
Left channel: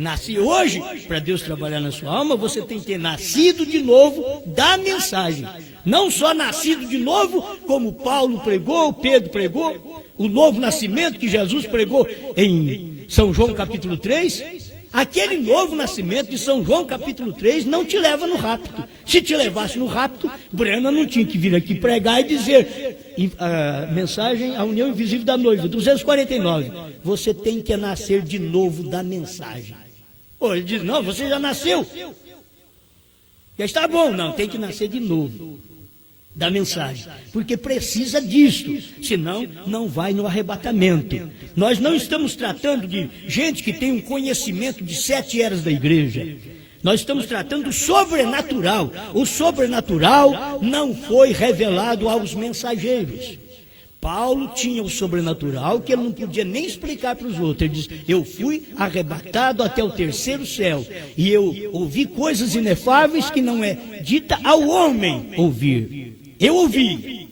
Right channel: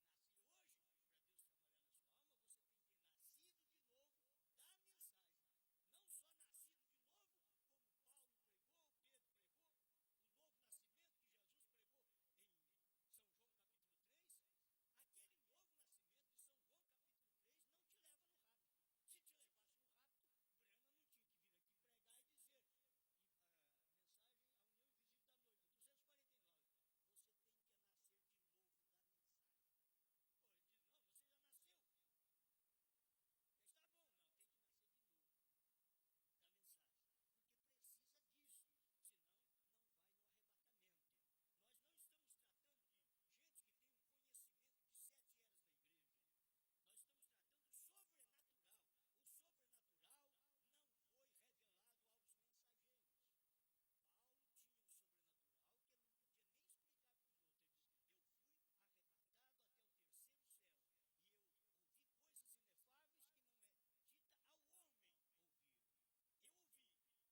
Nasce hoje, para Deus trabalhar na sua alma, você tem que ter nascido de novo da mensagem. Não só nascido de novo, como Paulo pregou, Pedro pregou, o novo nascimento que Jesus pregou em São João capítulo 3. Aquele novo nascimento de São João capítulo 3 não te leva no rapto. Se te levasse no rapto, Brena não tinha que vir aqui pregar e dizer, a mensagem, a união invisível da noiva, 249. Você tem que nascer de novo da mensagem. Pô, ele diz, não, você já nasceu. Já está bom, não, tem que nascer de novo da mensagem, porque precisa disso, senão não vai no arrebatamento. Nós não estamos tratando de gente que tem um conhecimento de 7 eras da igreja. Nós estamos tratando do sobrenatural. O sobrenatural não foi revelado aos mensageiros. Paulo tinha o sobrenatural que ele não podia nem explicar para os outros. Ele diz, eu fui arrebatado até o 3º céu e eu ouvi coisas inefáveis que não é dita ao homem ouvir. Eu ouvi,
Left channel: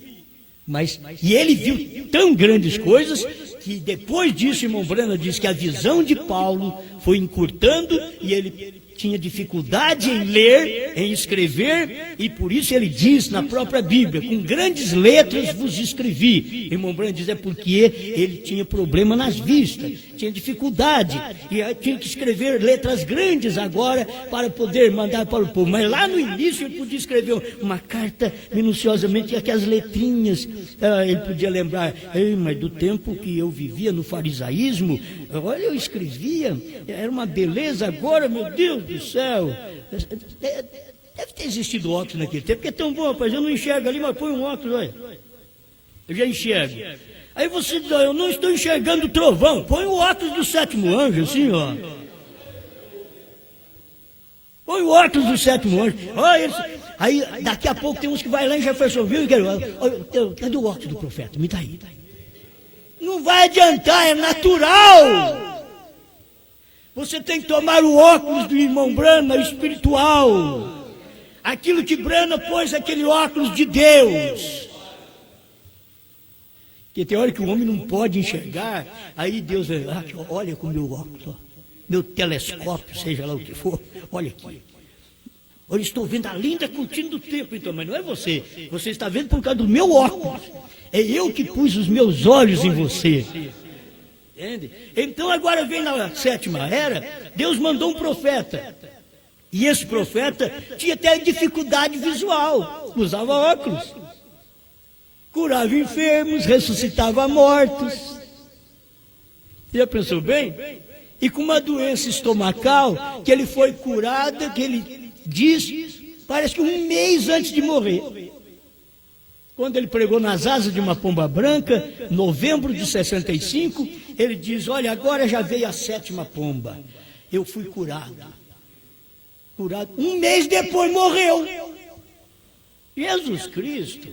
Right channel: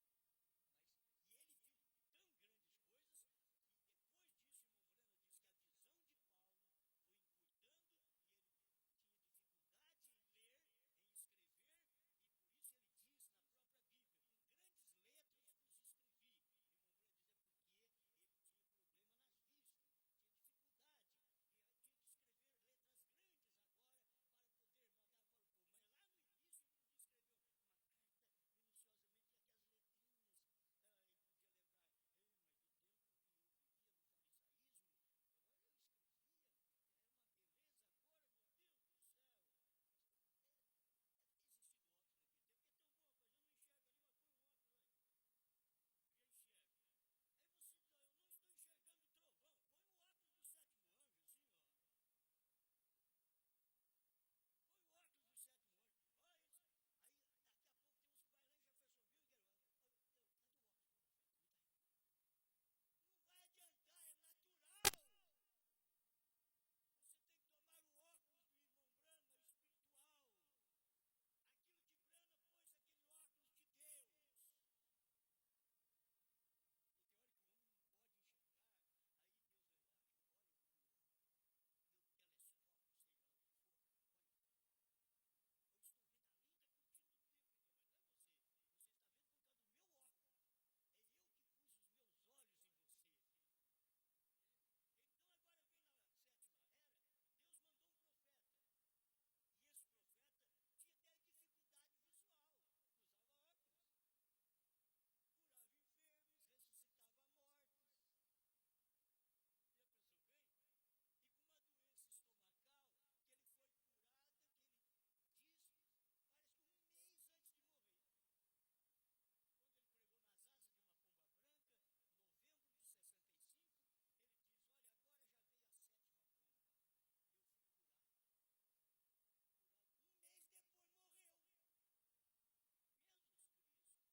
e ele viu tão grandes coisas que depois disso, irmão Branham diz que a visão de Paulo foi encurtando e ele tinha dificuldade em ler, em escrever, e por isso ele diz na própria Bíblia, com grandes letras vos escrevi. Irmão Branham diz, é porque ele tinha problema nas vistas, tinha dificuldade, e tinha que escrever letras grandes agora para poder mandar para o povo. Mas lá no início ele podia escrever uma carta minuciosamente, aquelas letrinhas, ele podia lembrar, mas do tempo que eu vivia no farisaísmo, olha, eu escrevia, era uma beleza, agora, meu Deus do céu, deve ter existido óculos naquele tempo, porque é tão bom, rapaz, eu não enxergo ali, mas põe um óculos, olha, eu já enxergo. Aí você diz, eu não estou enxergando o trovão, põe o óculos do 7º anjo, assim, ó. Põe o óculos do 7º anjo, olha, aí daqui a pouco tem uns que vai lá em Jeffersonville e querem, cadê o óculos do profeta? Me dá aí. Não vai adiantar, é natural. Você tem que tomar o óculos do irmão Branham, espiritual. Aquilo que Branham pôs, aquele óculos de Deus. Porque tem hora que o homem não pode enxergar, aí Deus olha com o meu óculos, ó, meu telescópio, seja lá o que for, olha aqui. Eu estou vendo a linda cortina do templo, então, mas não é você. Você está vendo por causa do meu óculos. É eu que pus os meus olhos em você. Entende? Então agora vem na 7ª era, Deus mandou um profeta. E esse profeta tinha até dificuldade visual, usava óculos. Curava enfermos, ressuscitava mortos. Você já pensou bem? E com uma doença estomacal, que ele foi curado, que ele diz, parece que 1 mês antes de morrer. Quando ele pregou nas asas de uma pomba branca, novembro de 65, ele diz, olha, agora já veio a 7ª pomba. Eu fui curado. 1 mês depois morreu. Jesus Cristo.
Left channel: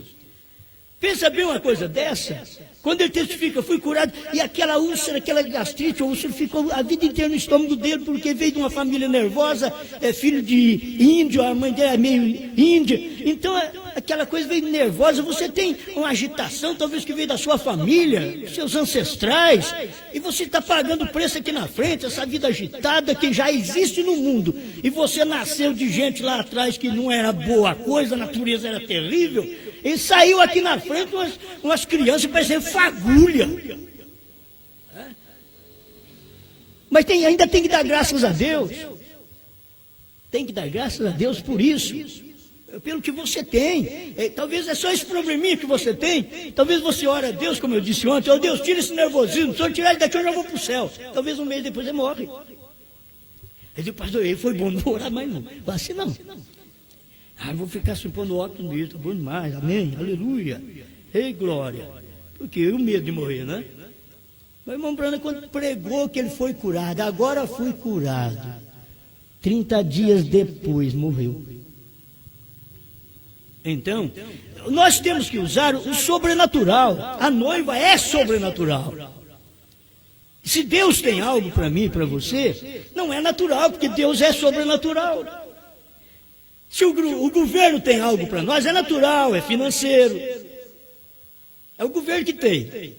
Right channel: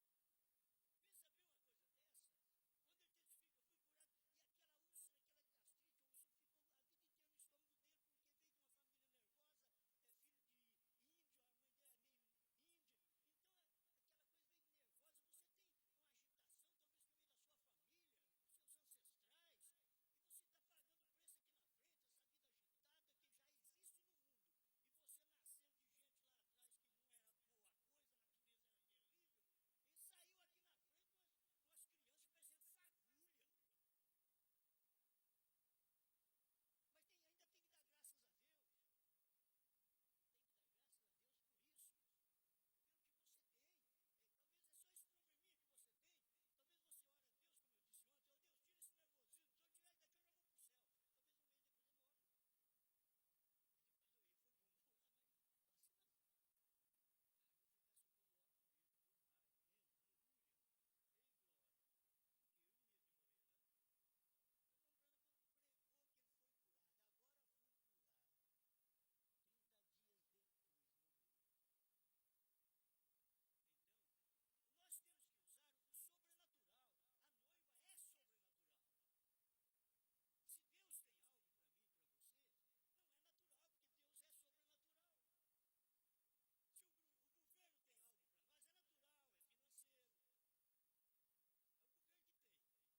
Pensa bem uma coisa dessa. Quando ele testifica, fui curado, e aquela úlcera, aquela gastrite, a úlcera ficou a vida inteira no estômago dele, porque veio de uma família nervosa, é filho de índio, a mãe dele é meio índia, então aquela coisa veio nervosa, você tem uma agitação, talvez que veio da sua família, seus ancestrais, e você está pagando o preço aqui na frente, essa vida agitada que já existe no mundo, e você nasceu de gente lá atrás que não era boa coisa, a natureza era terrível, e saiu aqui na frente umas crianças parecendo fagulha. Mas ainda tem que dar graças a Deus. Tem que dar graças a Deus por isso. Pelo que você tem. Talvez é só esse probleminha que você tem. Talvez você ore a Deus, como eu disse ontem. Oh Deus, tira esse nervosismo. Se eu tirar ele daqui, eu já vou para o céu. Talvez 1 mês depois ele morre. Ele diz, pastor, ele foi bom, não vou orar mais não. Assim não. Vou ficar se pondo óculos mesmo, tá bom demais, amém, aleluia, ei glória, porque eu medo de morrer, né? Mas irmão Branham, quando pregou que ele foi curado, agora fui curado, 30 dias depois morreu. Então, nós temos que usar o sobrenatural, a noiva é sobrenatural. Se Deus tem algo para mim e para você, não é natural, porque Deus é sobrenatural. Se o governo tem algo para nós, é natural, é financeiro. É o governo que tem.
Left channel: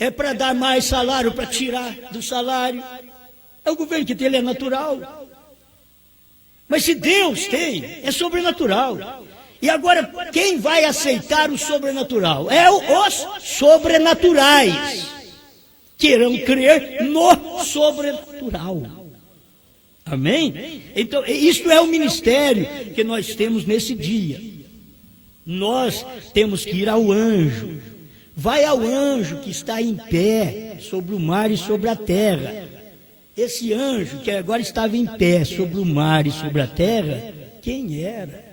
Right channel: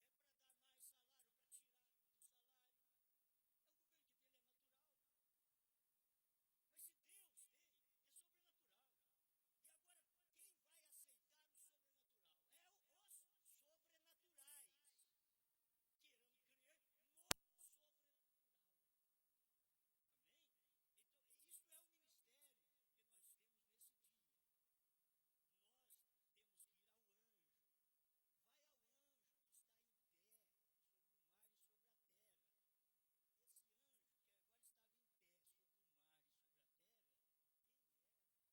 É para dar mais salário, para tirar do salário. É o governo que tem, ele é natural. Mas se Deus tem, é sobrenatural. E agora, quem vai aceitar o sobrenatural? É os sobrenaturais. Que irão crer no sobrenatural. Amém? Então, isso é o ministério que nós temos nesse dia. Nós temos que ir ao anjo. vai ao anjo que está em pé sobre o mar e sobre a terra. Esse anjo que agora estava em pé sobre o mar e sobre a terra, quem era?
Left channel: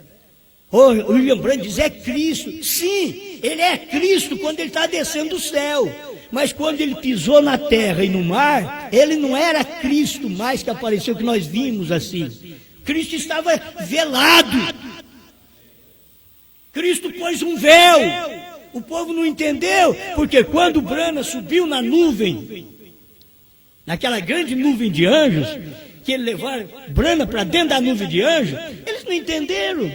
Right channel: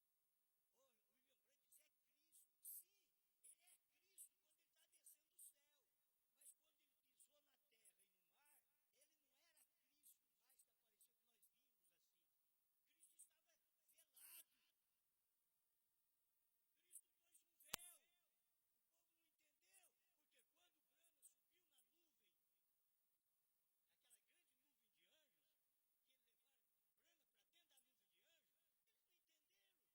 O William Branham diz, é Cristo. Sim, ele é Cristo quando ele está descendo do céu. Mas quando ele pisou na terra e no mar, ele não era Cristo mais que apareceu, que nós vimos assim. Cristo estava velado. Cristo pôs um véu. O povo não entendeu, porque quando Branham subiu na nuvem, naquela grande nuvem de anjos, que ele levaram Branham para dentro da nuvem de anjos, eles não entenderam.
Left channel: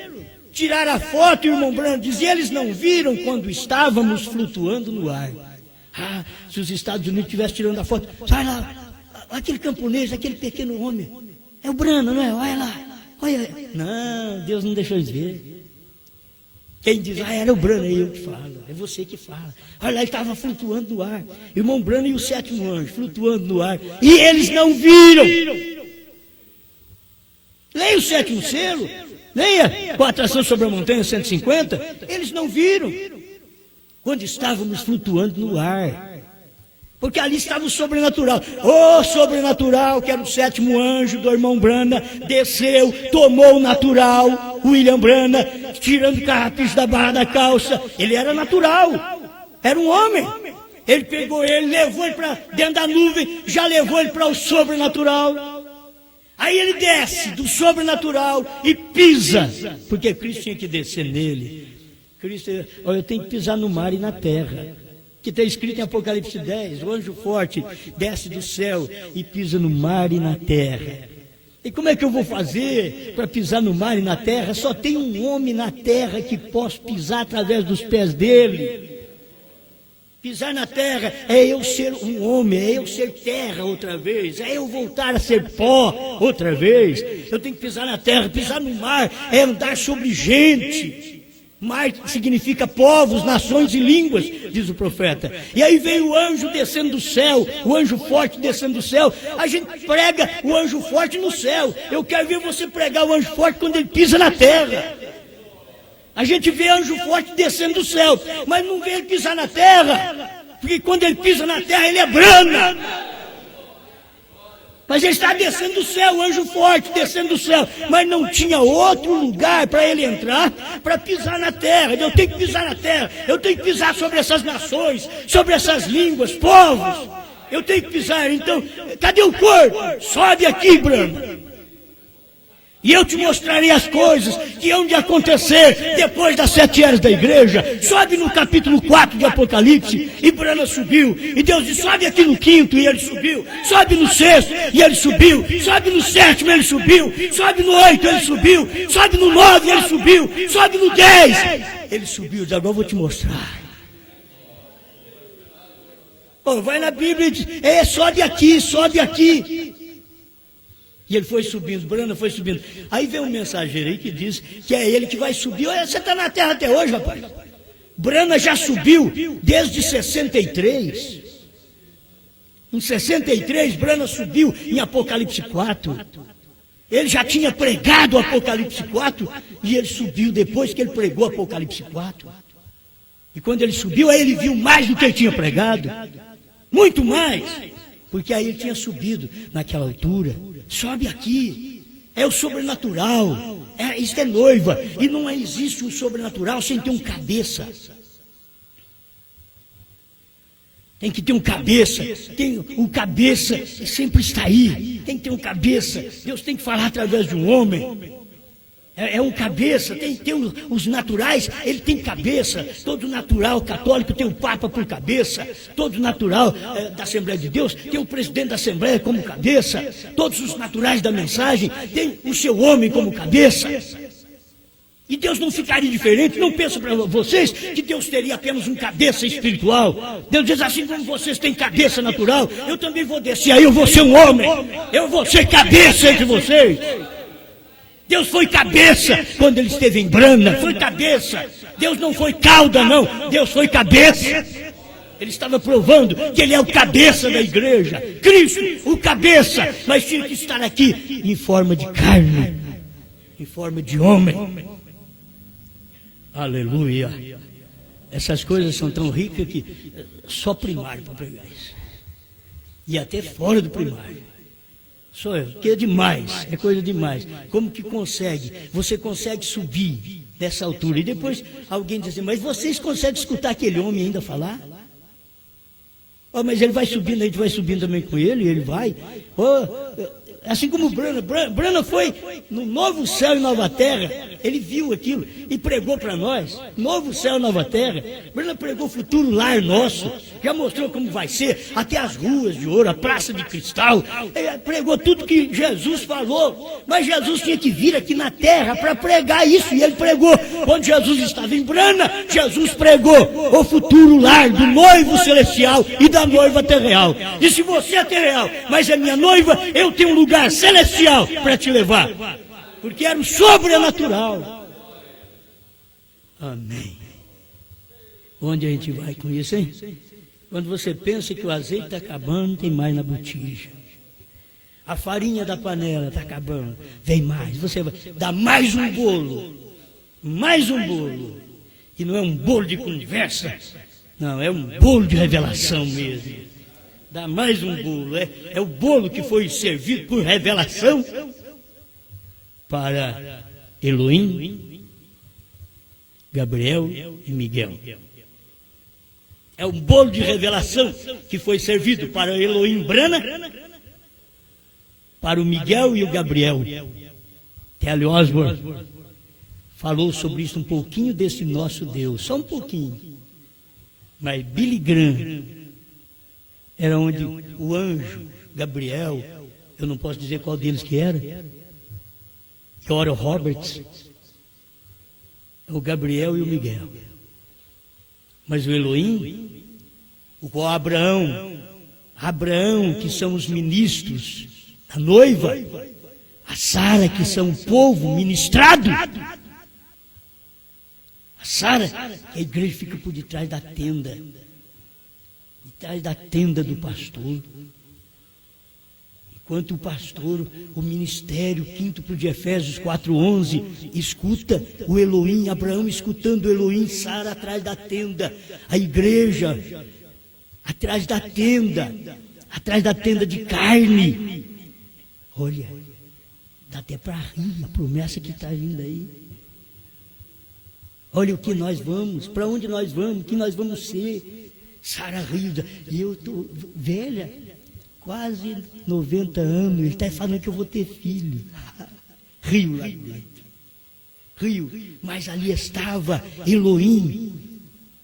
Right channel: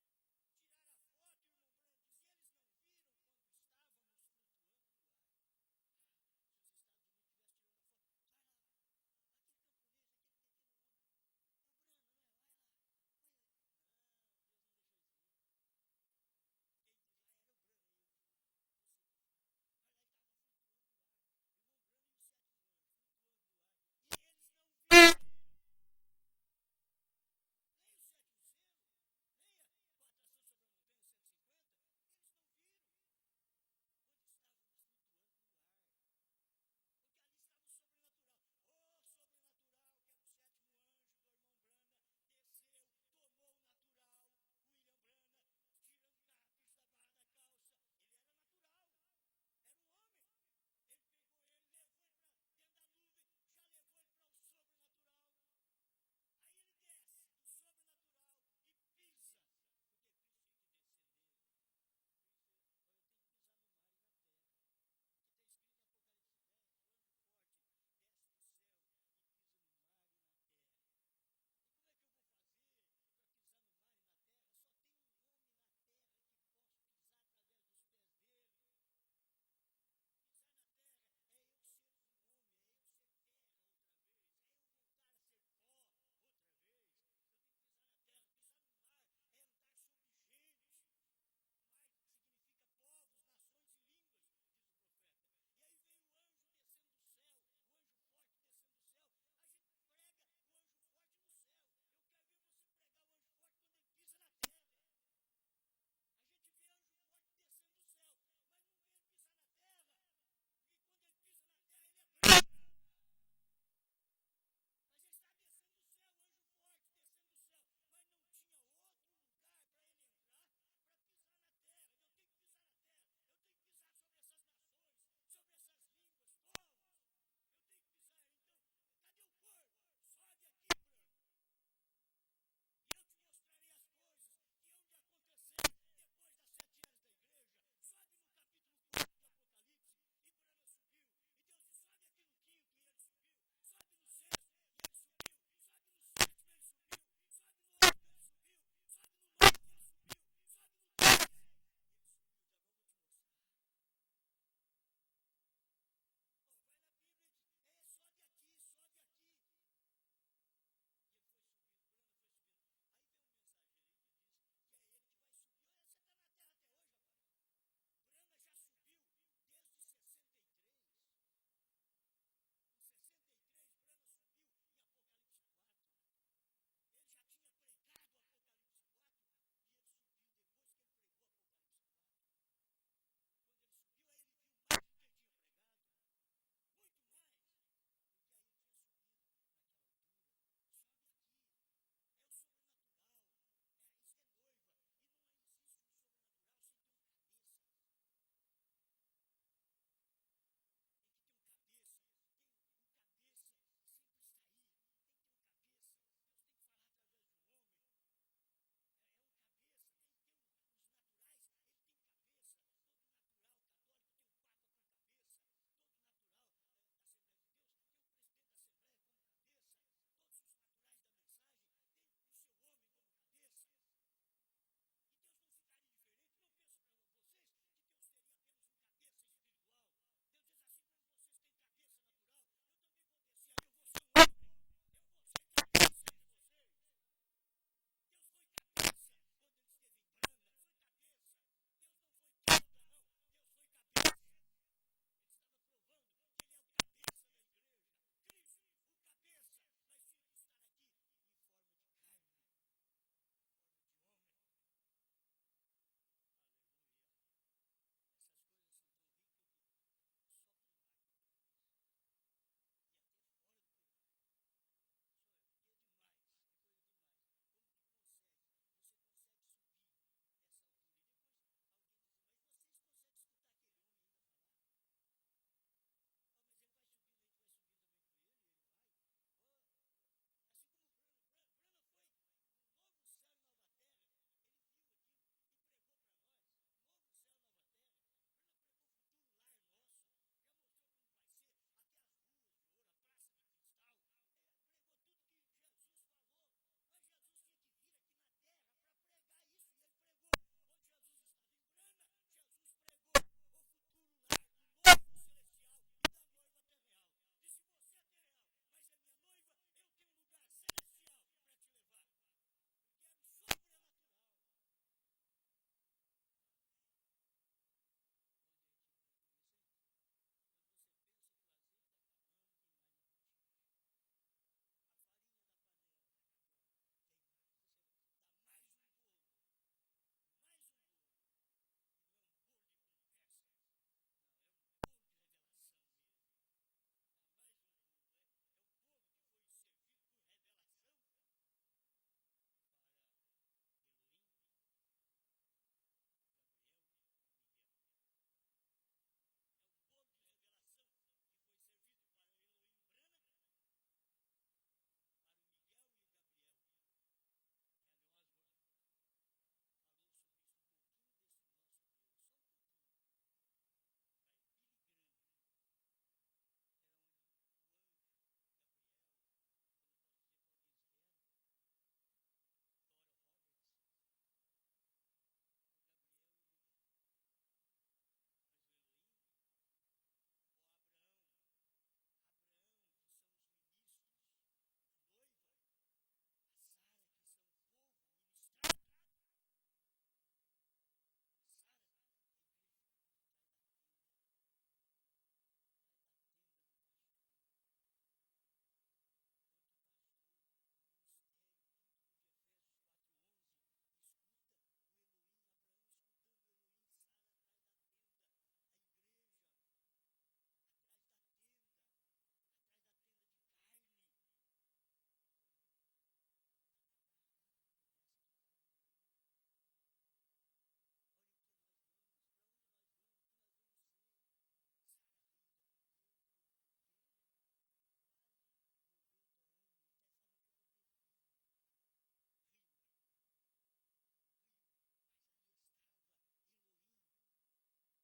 Tiraram a foto e o irmão Branham dizia, eles não viram quando estávamos flutuando no ar. Ah, se os Estados Unidos estivessem tirando a foto, sai lá, aquele camponês, aquele pequeno homem, é o Branham, não é? Olha lá, olha. Não, Deus não deixou eles ver. Quem diz, era o Branham, é eu que falo, é você que fala. Olha lá, ele estava flutuando no ar. Irmão Branham e o sétimo anjo, flutuando no ar. E eles não viram. Leia o sétimo selo, leia com a atração sobre a montanha 150. Eles não viram. Quando estávamos flutuando no ar. Porque ali estava o sobrenatural. O sobrenatural, que era o sétimo anjo do irmão Branham, desceu, tomou o natural, William Branham, tirando o carrapicho da barra da calça. Ele era natural, era um homem. Ele pegou ele, levou ele para dentro da nuvem, já levou ele para o sobrenatural. Aí ele desce do sobrenatural e pisa, porque Cristo tinha que descer nele. Cristo, eu tenho que pisar no mar e na terra. Que está escrito em Apocalipse 10, o anjo forte desce do céu e pisa no mar e na terra. E como é que eu vou fazer para pisar no mar e na terra? Só tem um homem na terra que posso pisar através dos pés dele. Pisar na terra é eu ser um homem, é eu ser terra outra vez, é eu voltar a ser pó outra vez. Eu tenho que pisar na terra, pisar no mar é andar sobre gente. Mar significa povos, nações e línguas, diz o profeta. E aí veio o anjo descendo do céu, o anjo forte descendo do céu. A gente prega o anjo forte no céu. Eu quero ver você pregar o anjo forte quando ele pisa na terra. A gente vê anjo forte descendo do céu, mas não vê ele pisar na terra, porque quando ele pisa na terra ele é Branham. Mas ele está descendo do céu, o anjo forte descendo do céu. Mas não tinha outro lugar para ele entrar, para pisar na terra. Eu tenho que pisar na terra, eu tenho que pisar sobre essas nações, sobre essas línguas, povos. Eu tenho que pisar, então, cadê o corpo? Sobe aqui, Branham. E eu te mostrarei as coisas que hão de acontecer depois das 7 eras da igreja. Sobe no capítulo 4 de Apocalipse, e Branham subiu. E Deus disse, sobe aqui no 5º, e ele subiu. Sobe no 6º, e ele subiu. Sobe no 7º, ele subiu. Sobe no 8º, ele subiu. Sobe no 9º, ele subiu. Sobe no 10, ele subiu. Agora eu vou te mostrar. Oh, vai na Bíblia e diz, sobe aqui, sobe aqui. E ele foi subindo, Branham foi subindo. Aí vem um mensageiro aí que diz que é ele que vai subir. Olha, você está na terra até hoje, rapaz. Branham já subiu desde 63. Em 63, Branham subiu em Apocalipse 4. Ele já tinha pregado Apocalipse 4 e ele subiu depois que ele pregou Apocalipse 4. E quando ele subiu, aí ele viu mais do que ele tinha pregado. Muito mais. Porque aí ele tinha subido naquela altura. Sobe aqui, é o sobrenatural, isso é noiva, e não existe um sobrenatural sem ter um cabeça. Tem que ter um cabeça, o cabeça sempre está aí, tem que ter um cabeça. Deus tem que falar através de um homem. É um cabeça, tem os naturais, ele tem cabeça. Todo natural católico tem o Papa por cabeça. Todo natural da Assembleia de Deus tem o presidente da Assembleia como cabeça. Todos os naturais da mensagem tem o seu homem como cabeça. E Deus não ficaria diferente. Não pensa para vocês que Deus teria apenas um cabeça espiritual. Deus diz assim, como vocês têm cabeça natural, eu também vou descer, aí eu vou ser um homem, eu vou ser cabeça entre vocês. Deus foi cabeça quando ele esteve em Branham, foi cabeça. Deus não foi cauda, não, Deus foi cabeça. Ele estava provando que ele é o cabeça da igreja, Cristo, o cabeça, mas tinha que estar aqui em forma de carne, em forma de homem. Aleluia. essas coisas são tão ricas que só primário para pregar isso. E até fora do primário. Só eu, que é demais, é coisa demais. Como que consegue? Você consegue subir dessa altura. E depois alguém diz assim, mas vocês conseguem escutar aquele homem ainda falar? Oh, mas ele vai subindo, a gente vai subindo também com ele, ele vai. Oh, assim como Brana foi no novo céu e nova terra, ele viu aquilo e pregou para nós, novo céu e nova terra. Brana pregou o futuro lar nosso, já mostrou como vai ser, até as ruas de ouro, a praça de cristal, ele pregou tudo que Jesus falou, mas Jesus tinha que vir aqui na terra para pregar isso, e ele pregou. Quando Jesus estava em Brana, Jesus pregou o futuro lar do noivo celestial e da noiva terreal. E se você é terreal, mas é minha noiva, eu tenho um lugar celestial para te levar, porque era o sobrenatural. Amém. Onde a gente vai com isso, hein? Quando você pensa que o azeite está acabando, tem mais na botija. A farinha da panela está acabando, vem mais. Você vai dar mais um bolo, mais um bolo. E não é um bolo de conversa, não, é um bolo de revelação mesmo. Dá mais um bolo, é o bolo que foi servido por revelação para Elohim, Gabriel e Miguel. É um bolo de revelação que foi servido para Elohim Brana, para o Miguel e o Gabriel. Kelly Osborne falou sobre isso um pouquinho desse nosso Deus, só um pouquinho. Mas Billy Graham era onde o anjo Gabriel, eu não posso dizer qual deles que era, e Oral Roberts, o Gabriel e o Miguel. Mas o Elohim, o Abraão, que são os ministros da noiva, a Sara, que são o povo ministrado, a Sara, que a igreja fica por detrás da tenda, atrás da tenda do pastor. Enquanto o pastor, o ministério, quíntuple de Efésios 4:11, escuta o Elohim, Abraão escutando o Elohim, Sara atrás da tenda, a igreja atrás da tenda de carne. Olha, dá até para rir a promessa que está vindo aí. Olha o que nós vamos, para onde nós vamos, o que nós vamos ser. Sara riu, e eu estou velha, quase 90 anos, ele está falando que eu vou ter filho. Riu lá dentro, riu, mas ali estava Elohim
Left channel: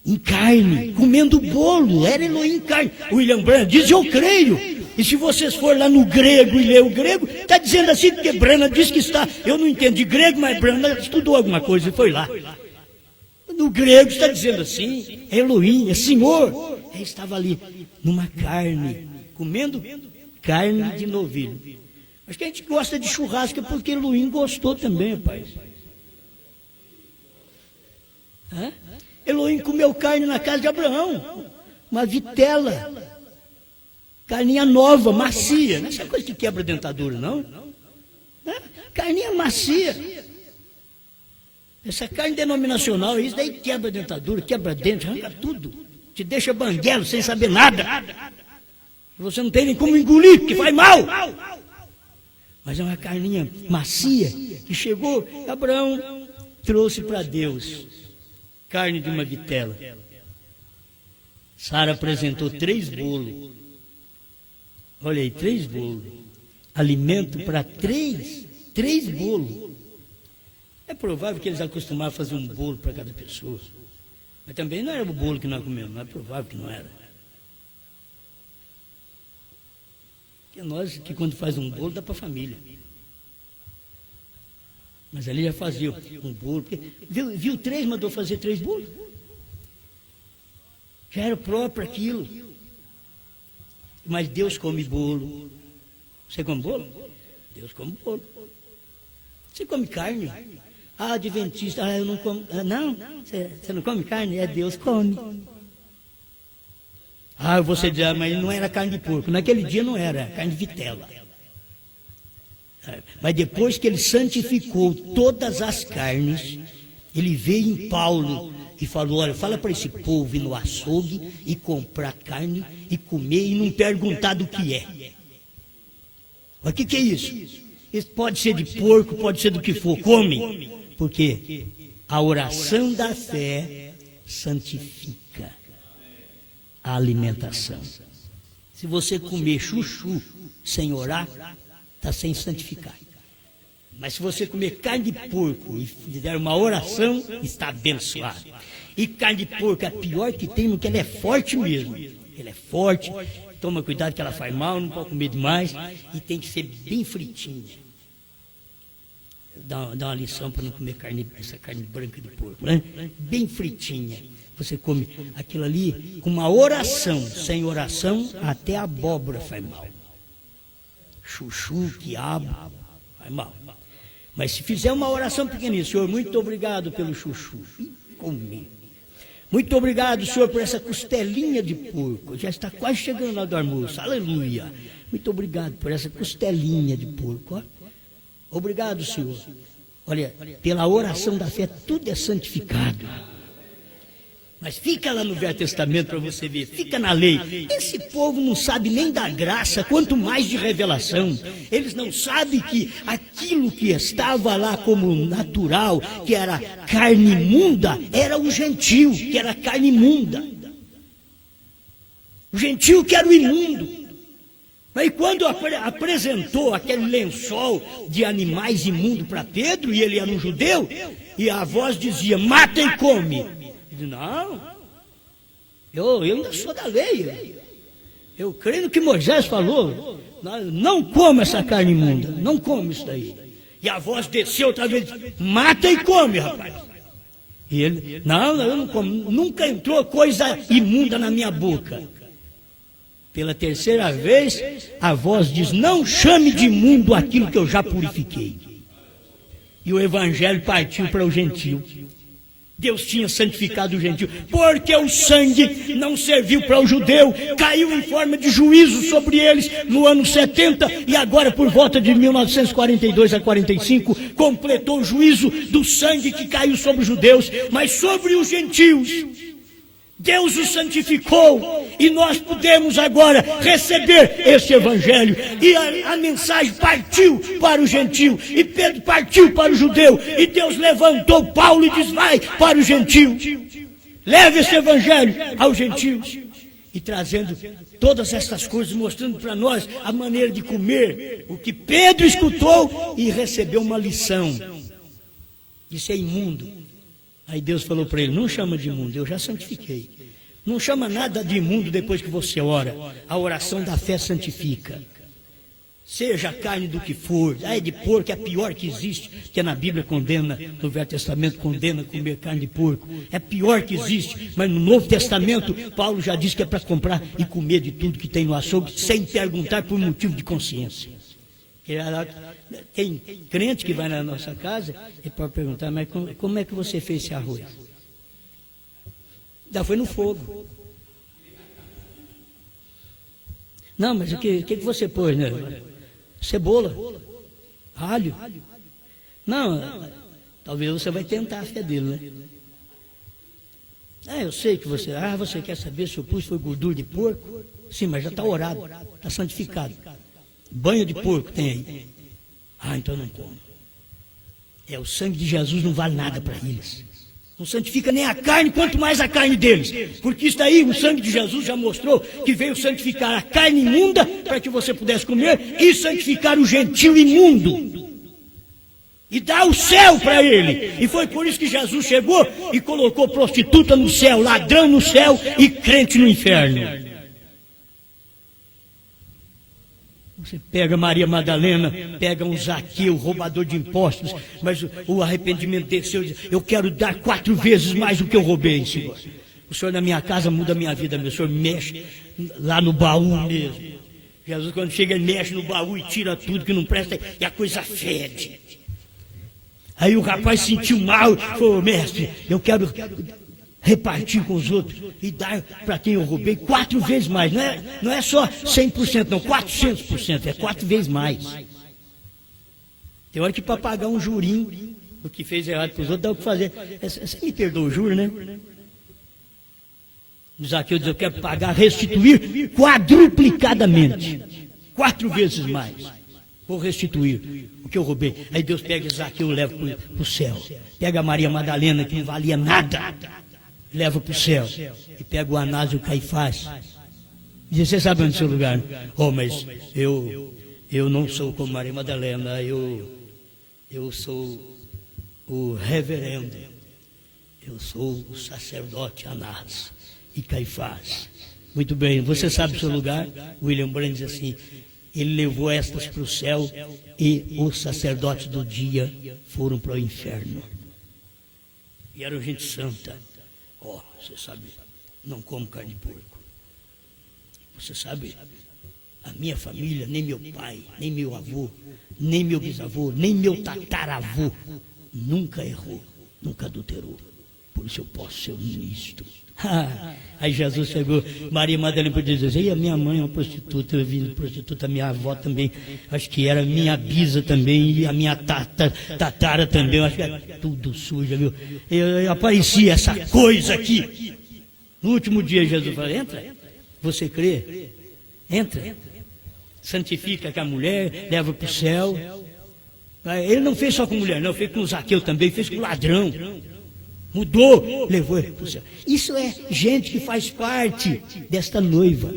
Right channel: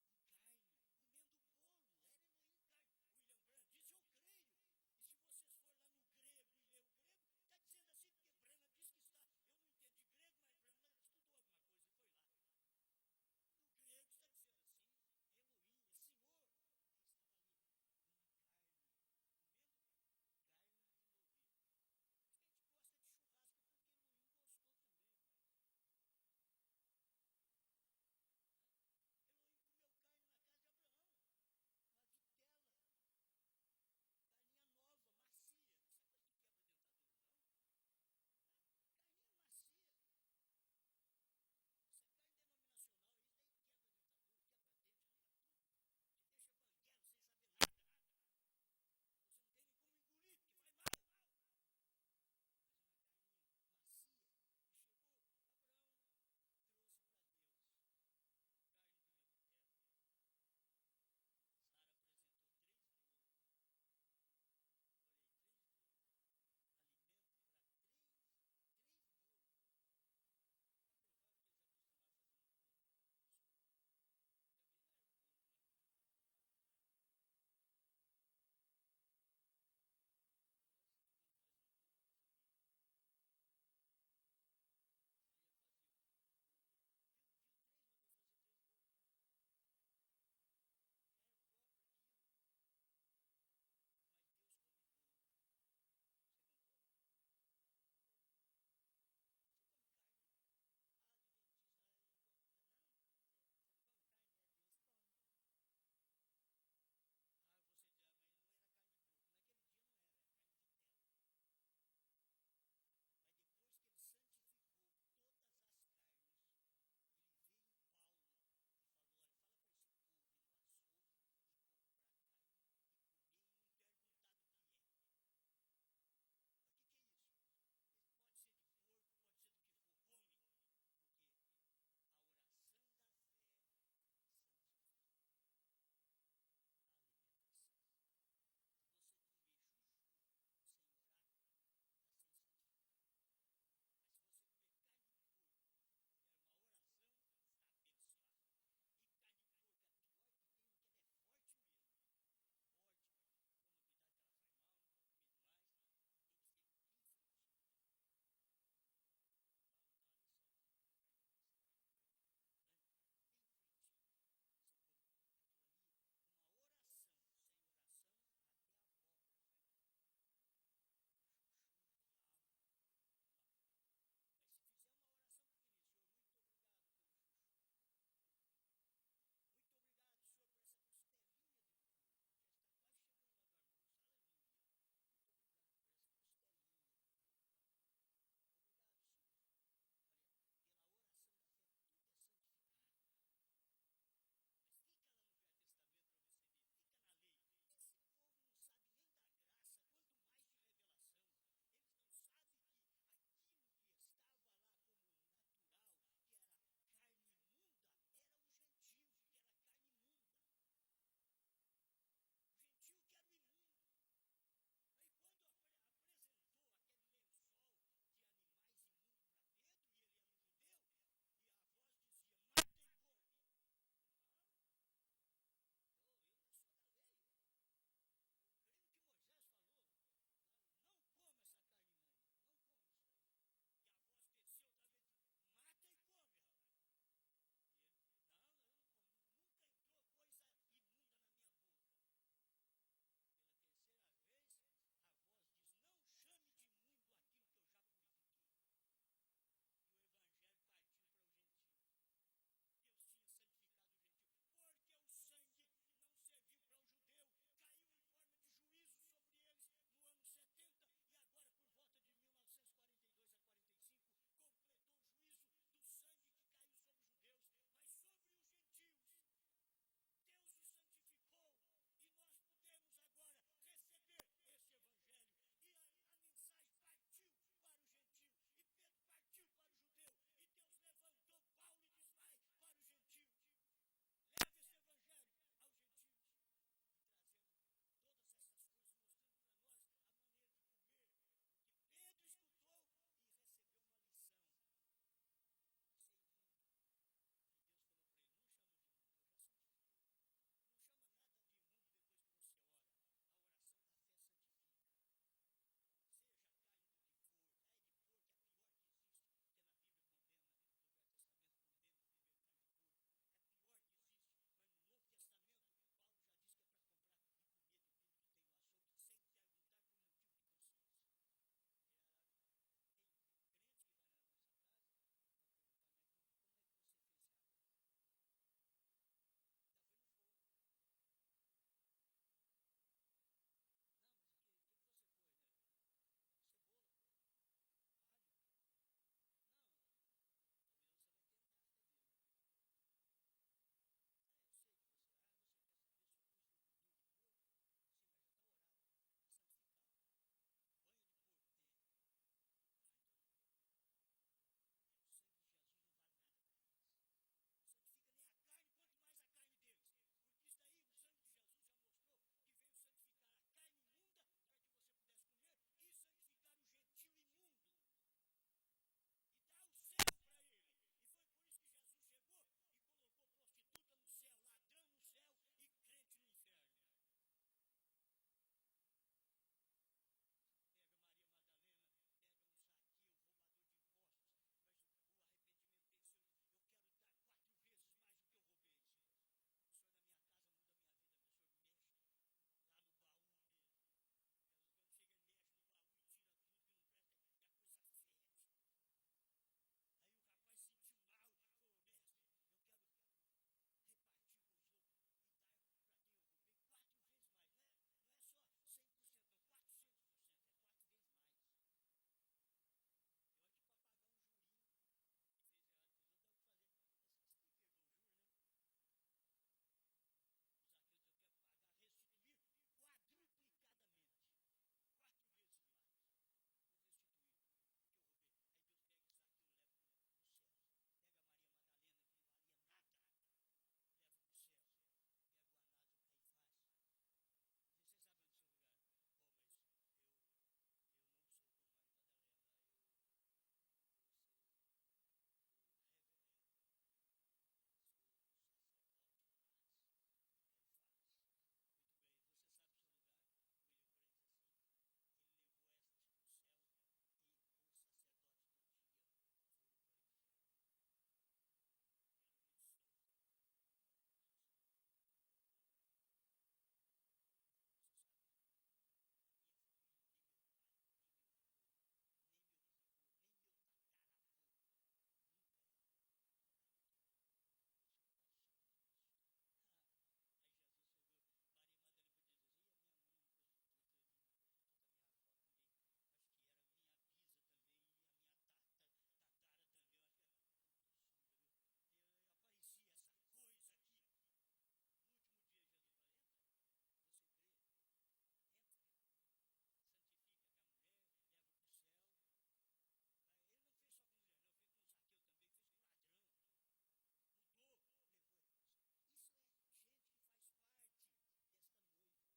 em carne, comendo bolo, era Elohim em carne. William Branham diz, eu creio, e se vocês forem lá no grego e ler o grego, está dizendo assim, porque Branham diz que está, eu não entendo de grego, mas Branham estudou alguma coisa e foi lá. No grego está dizendo assim, é Elohim, é Senhor. Ele estava ali, numa carne, comendo carne de novilho. Acho que a gente gosta de churrasco porque Elohim gostou também, rapaz. Elohim comeu carne na casa de Abraão, uma vitela, carninha nova, macia. Não é essa coisa que quebra a dentadura, não? Carninha macia. Essa carne denominacional, isso daí quebra a dentadura, quebra dente, arranca tudo. Te deixa banguelo sem saber nada. Você não tem nem como engolir, porque faz mal. Mas é uma carninha macia que chegou, Abraão trouxe para Deus carne de uma vitela. Sara apresentou 3 bolos. Olha aí, 3 bolos. Alimento para 3 bolos. É provável que eles acostumavam a fazer um bolo para cada pessoa. Mas também não era o bolo que nós comemos, não é provável que não era. Porque nós que quando faz um bolo dá para a família. Mas ali já fazia um bolo. Porque viu 3, mandou fazer 3 bolos. Já era próprio aquilo. Mas Deus come bolo. Você come bolo? Deus come bolo. Você come carne? Adventista, eu não como. Não, você não come carne? Deus come. Você diz, mas não era carne de porco. Naquele dia não era, carne de vitela. Mas depois que ele santificou todas as carnes, ele veio em Paulo e falou: olha, fala para esse povo ir no açougue e comprar carne e comer e não perguntar do que é. Mas o que é isso? Isso pode ser de porco, pode ser do que for, come. Porque a oração da fé santifica a alimentação. Se você comer chuchu sem orar, está sem santificar. Mas se você comer carne de porco e fizer uma oração, está abençoado. E carne de porco é a pior que tem, porque ela é forte mesmo. Ela é forte, toma cuidado que ela faz mal, não pode comer demais, e tem que ser bem fritinha. Dá uma lição para não comer essa carne branca de porco, né? Bem fritinha. Você come aquilo ali com uma oração. Sem oração, até a abóbora faz mal. Chuchu, quiabo, faz mal. Mas se fizer uma oração pequenininha: Senhor, muito obrigado pelo chuchu. Comer. Muito obrigado, Senhor, por essa costelinha de porco. Já está quase chegando na hora do almoço. Aleluia. Muito obrigado por essa costelinha de porco. Ó. Obrigado, Senhor. Olha, pela oração da fé, tudo é santificado. Mas fica lá no Velho Testamento para você ver, fica na lei. Esse povo não sabe nem da graça, quanto mais de revelação. Eles não sabem que aquilo que estava lá como natural, que era carne imunda, era o gentio, que era carne imunda. O gentio que era o imundo. Mas quando apresentou aquele lençol de animais imundos para Pedro, e ele era um judeu, e a voz dizia: mata e come. Ele disse: não, eu ainda sou da lei. Eu creio no que Moisés falou. Não coma essa carne imunda, não come isso daí. E a voz desceu outra vez: mata e come, rapaz. E ele: não, eu não como. Nunca entrou coisa imunda na minha boca. Pela terceira vez, a voz diz: não chame de imundo aquilo que eu já purifiquei. E o evangelho partiu para o gentio. Deus tinha santificado o gentio, porque o sangue não serviu para o judeu, caiu em forma de juízo sobre eles no ano 70, e agora por volta de 1942 a 45, completou o juízo do sangue que caiu sobre os judeus, mas sobre os gentios Deus o santificou, e nós podemos agora receber esse evangelho, e a mensagem partiu para o gentio, e Pedro partiu para o judeu, e Deus levantou Paulo e diz: vai para o gentio, leve esse evangelho aos gentios, e trazendo todas essas coisas, mostrando para nós a maneira de comer, o que Pedro escutou e recebeu uma lição, isso é imundo. Aí Deus falou para ele: não chama de imundo, eu já santifiquei. Não chama nada de imundo depois que você ora. A oração da fé santifica. Seja a carne do que for, é de porco, é a pior que existe, que na Bíblia condena, no Velho Testamento condena comer carne de porco. É a pior que existe, mas no Novo Testamento, Paulo já diz que é para comprar e comer de tudo que tem no açougue, sem perguntar por motivo de consciência. Tem crente que vai na nossa casa e pode perguntar: mas como é que você fez esse arroz? Já foi no fogo. Não, mas o que você pôs, né? Cebola, alho. Não, talvez você vai tentar a fé dele, né? Eu sei que você quer saber se eu pus foi gordura de porco? Sim, mas já está orado, está santificado. Banho de porco tem aí. Então não como. O sangue de Jesus não vale nada para eles. Não santifica nem a carne, quanto mais a carne deles. Porque isso daí, o sangue de Jesus já mostrou que veio santificar a carne imunda para que você pudesse comer, e santificar o gentio imundo. E dar o céu para ele. E foi por isso que Jesus chegou e colocou prostituta no céu, ladrão no céu e crente no inferno. Você pega Maria Madalena, pega um Zaqueu, roubador de impostos, mas o arrependimento desceu e diz: eu quero dar 4 vezes mais do que eu roubei, Senhor. O Senhor na minha casa muda a minha vida, meu Senhor mexe lá no baú mesmo. Jesus, quando chega, ele mexe no baú e tira tudo que não presta, e a coisa fede. Aí o rapaz sentiu mal, falou: mestre, eu quero repartir com os outros e dar para quem eu roubei 4 vezes mais. Não é só 100%, não, 400%, é 4 vezes mais. Tem hora que para pagar um jurinho do que fez errado para os outros, dá o que fazer. Você me perdoa o juro, né? Zaqueu diz: eu quero pagar, restituir quadruplicadamente, 4 vezes mais. Vou restituir o que eu roubei. Aí Deus pega Zaqueu e leva para o céu. Pega a Maria Madalena, que não valia nada, leva para o céu. E pega o Anás e o Caifás. Diz: você sabe onde é o seu lugar? Oh, mas eu não sou como Maria Madalena, eu sou o reverendo, eu sou o sacerdote Anás e Caifás. Muito bem, você sabe o seu lugar? William Brandt diz assim: ele levou estas para o céu e os sacerdotes do dia foram para o inferno. E eram gente santa. Oh, você sabe, não como carne de porco. Você sabe, a minha família, nem meu pai, nem meu avô, nem meu bisavô, nem meu tataravô nunca errou, nunca adulterou. Por isso eu posso ser um ministro. Aí Jesus chegou, Maria Madalena podia dizer: e a minha mãe é uma prostituta, eu vim de prostituta, a minha avó também, acho que era minha bisa também, e a minha tatara também, acho que era tudo suja, viu? Eu aparecia essa coisa aqui. No último dia Jesus falou: entra, você crê? Entra, santifica que a mulher, leva para o céu. Ele não fez só com mulher, não, fez com o Zaqueu também, fez com o ladrão. Mudou, levou ele para o céu. Isso é gente que faz parte desta noiva.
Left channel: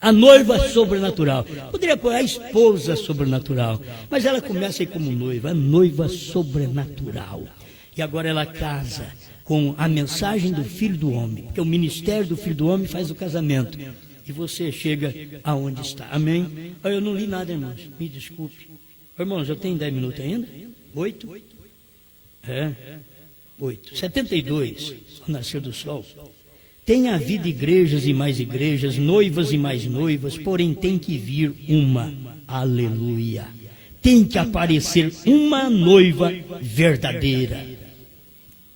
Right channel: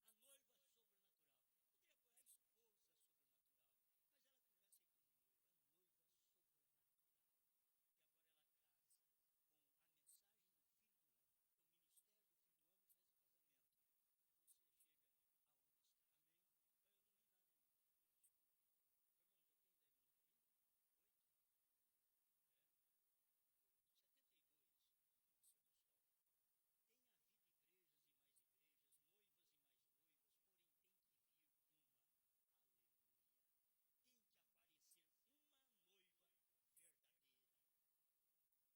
A noiva sobrenatural. Poderia pôr a esposa sobrenatural, mas ela começa aí como noiva, a noiva sobrenatural. E agora ela casa com a mensagem do Filho do Homem, porque o ministério do Filho do Homem faz o casamento. E você chega aonde está. Amém? Eu não li nada, irmãos, me desculpe. Irmãos, eu tenho 10 minutos ainda? 8? 8. 72, ao nascer do sol. Tem havido igrejas e mais igrejas, noivas e mais noivas, porém tem que vir uma. Aleluia. Tem que aparecer uma noiva verdadeira.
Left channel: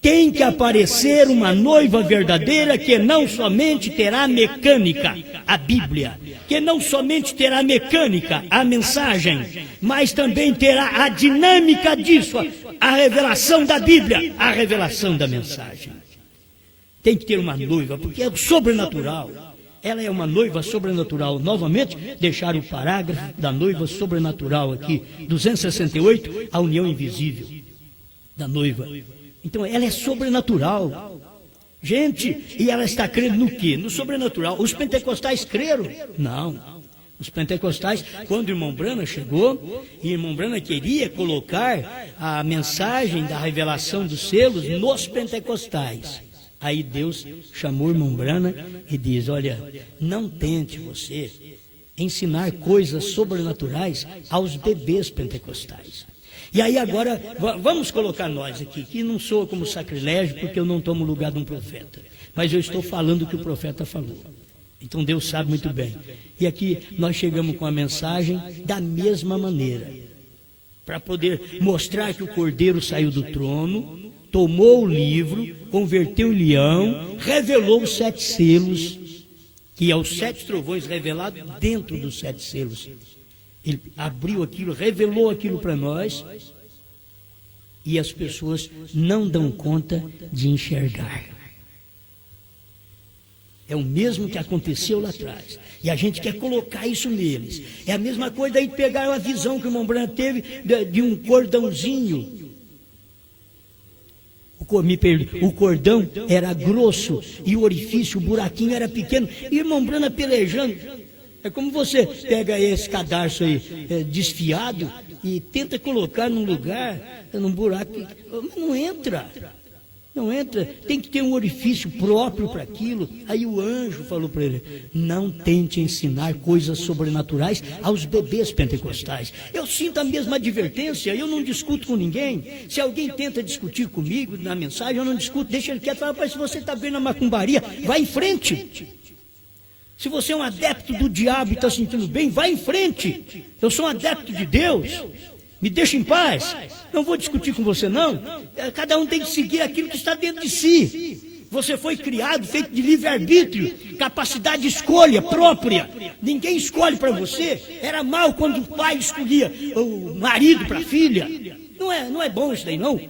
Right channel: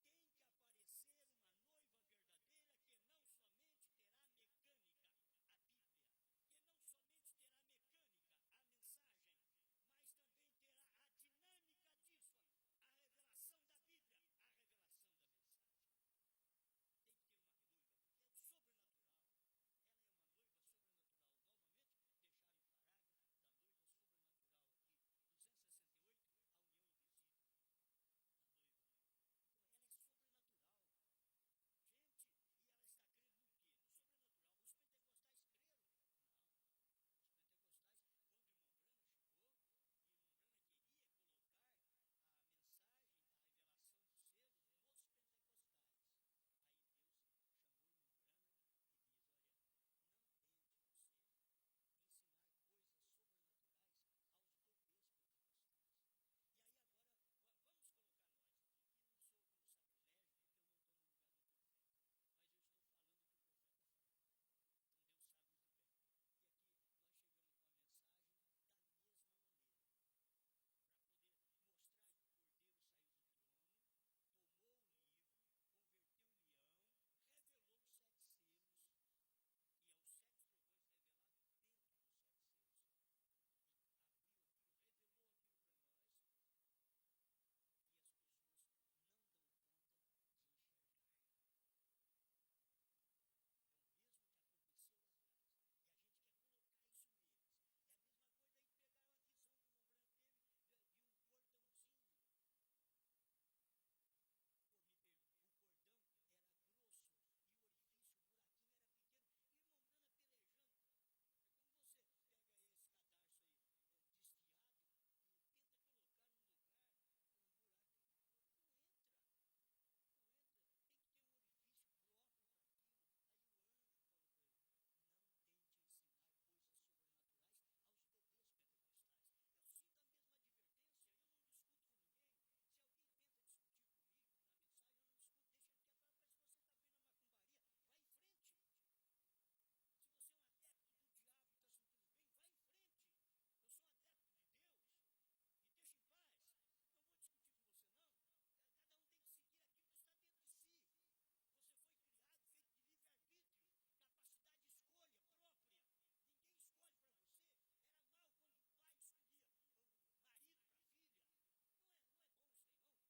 Tem que aparecer uma noiva verdadeira que não somente terá mecânica, a Bíblia, que não somente terá mecânica, a mensagem, mas também terá a dinâmica disso, a revelação da Bíblia, a revelação da mensagem. Tem que ter uma noiva, porque é sobrenatural. Ela é uma noiva sobrenatural. Novamente, deixar o parágrafo da noiva sobrenatural aqui, 268, a união invisível da noiva. Então, ela é sobrenatural. Gente, e ela está crendo no quê? No sobrenatural. Os pentecostais creram? Não. Os pentecostais, quando o irmão Branham chegou, e o irmão Branham queria colocar a mensagem da revelação dos selos nos pentecostais. Aí Deus chamou o irmão Branham e diz: olha, não tente você ensinar coisas sobrenaturais aos bebês pentecostais. E aí agora, vamos colocar nós aqui, que não sou como sacrilégio, porque eu não tomo o lugar de um profeta, mas eu estou falando o que o profeta falou. Então Deus sabe muito bem. E aqui nós chegamos com a mensagem da mesma maneira, para poder mostrar que o Cordeiro saiu do trono, tomou o livro, converteu em leão, revelou os 7 selos, que é os 7 trovões revelados dentro dos 7 selos. Ele abriu aquilo, revelou aquilo para nós, e as pessoas não dão conta de enxergar. É o mesmo que aconteceu lá atrás, e a gente quer colocar isso neles. É a mesma coisa aí pegar a visão que o irmão Branham teve de um cordãozinho. O cordão era grosso e o orifício, o buraquinho era pequeno, e o irmão Branham pelejando. É como você pega esse cadarço aí desfiado e tenta colocar num lugar, num buraco, mas não entra. Não entra, tem que ter um orifício próprio para aquilo. Aí o anjo falou para ele: não tente ensinar coisas sobrenaturais aos bebês pentecostais. Eu sinto a mesma advertência, eu não discuto com ninguém. Se alguém tenta discutir comigo na mensagem, eu não discuto, deixa ele quieto. Fala: se você está vendo a macumbaria, vai em frente. Se você é um adepto do diabo e está sentindo bem, vai em frente. Eu sou um adepto de Deus. Me deixa em paz. Não vou discutir com você, não. Cada um tem que seguir aquilo que está dentro de si. Você foi criado, feito de livre-arbítrio, capacidade de escolha própria. Ninguém escolhe para você. Era mal quando o pai escolhia o marido para a filha. Não é bom isso daí, não.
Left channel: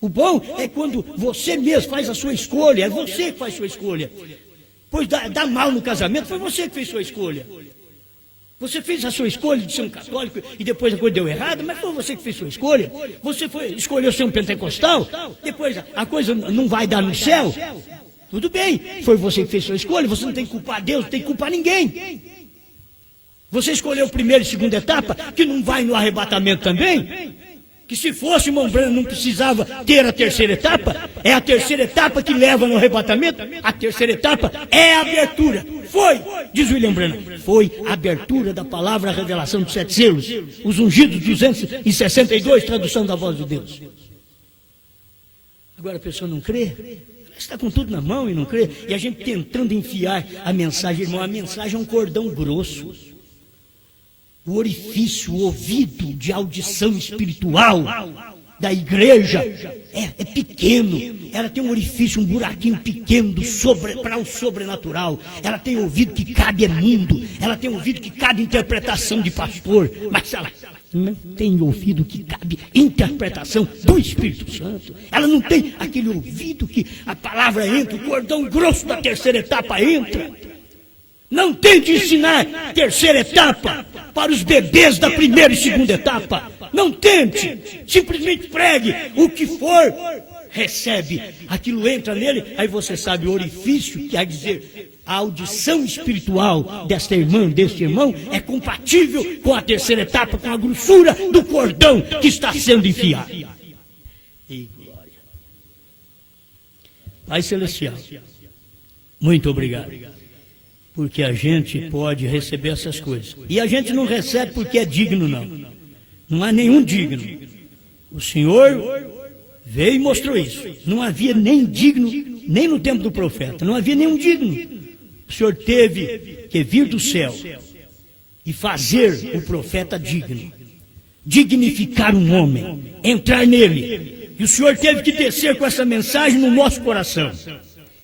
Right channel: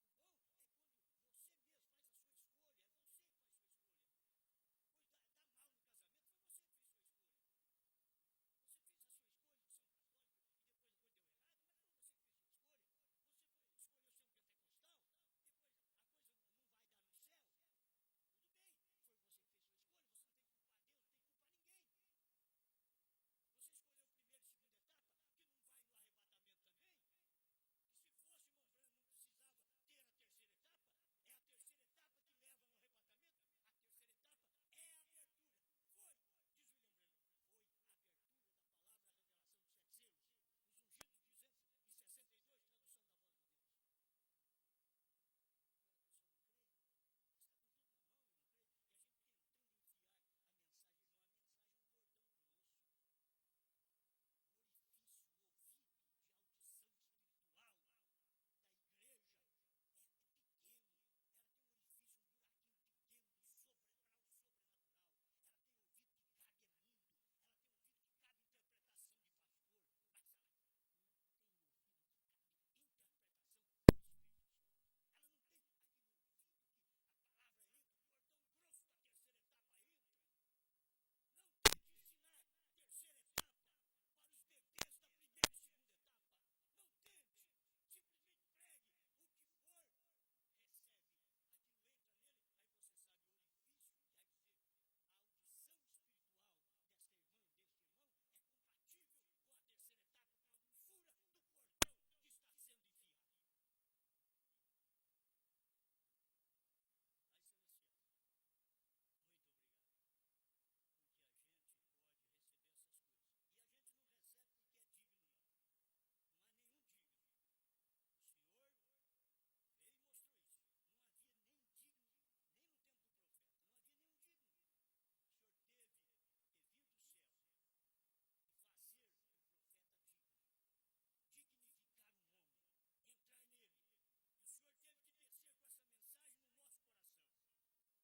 O bom é quando você mesmo faz a sua escolha, é você que faz a sua escolha. Pois dá mal no casamento, foi você que fez a sua escolha. Você fez a sua escolha de ser um católico e depois a coisa deu errado, mas foi você que fez a sua escolha. Você escolheu ser um pentecostal, depois a coisa não vai dar no céu. Tudo bem, foi você que fez a sua escolha, você não tem que culpar Deus, não tem que culpar ninguém. Você escolheu a primeira e segunda etapa, que não vai no arrebatamento também. Que se fosse, irmão Branham, não precisava ter a terceira etapa. É a terceira etapa que leva no arrebatamento. A terceira etapa é a abertura. Foi, diz William Branham, foi a abertura da palavra, a revelação dos 7 selos. Os ungidos 262, tradução da voz de Deus. Agora a pessoa não crê. Ela está com tudo na mão e não crê. E a gente tentando enfiar a mensagem, irmão, a mensagem é um cordão grosso. O orifício, o ouvido de audição espiritual da igreja é pequeno. Ela tem um orifício, um buraquinho pequeno para o sobrenatural. Ela tem ouvido que cabe é mundo. Ela tem ouvido que cabe interpretação de pastor. Mas ela não tem ouvido que cabe interpretação do Espírito Santo. Ela não tem aquele ouvido que a palavra entra, o cordão grosso da terceira etapa entra. Não tente ensinar terceira etapa para os bebês da primeira e segunda etapa. Não tente. Simplesmente pregue. O que for, recebe. Aquilo entra nele, aí você sabe o orifício, quer dizer, a audição espiritual desta irmã, deste irmão, é compatível com a terceira etapa, com a grossura do cordão que está sendo enfiado. E glória. Pai Celestial, muito obrigado. Porque a gente pode receber essas coisas. E a gente não recebe porque é digno, não. Não há nenhum digno. O Senhor veio e mostrou isso. Não havia nem digno, nem no tempo do profeta. Não havia nenhum digno. O Senhor teve que vir do céu e fazer o profeta digno. Dignificar um homem. Entrar nele. E o Senhor teve que descer com essa mensagem no nosso coração.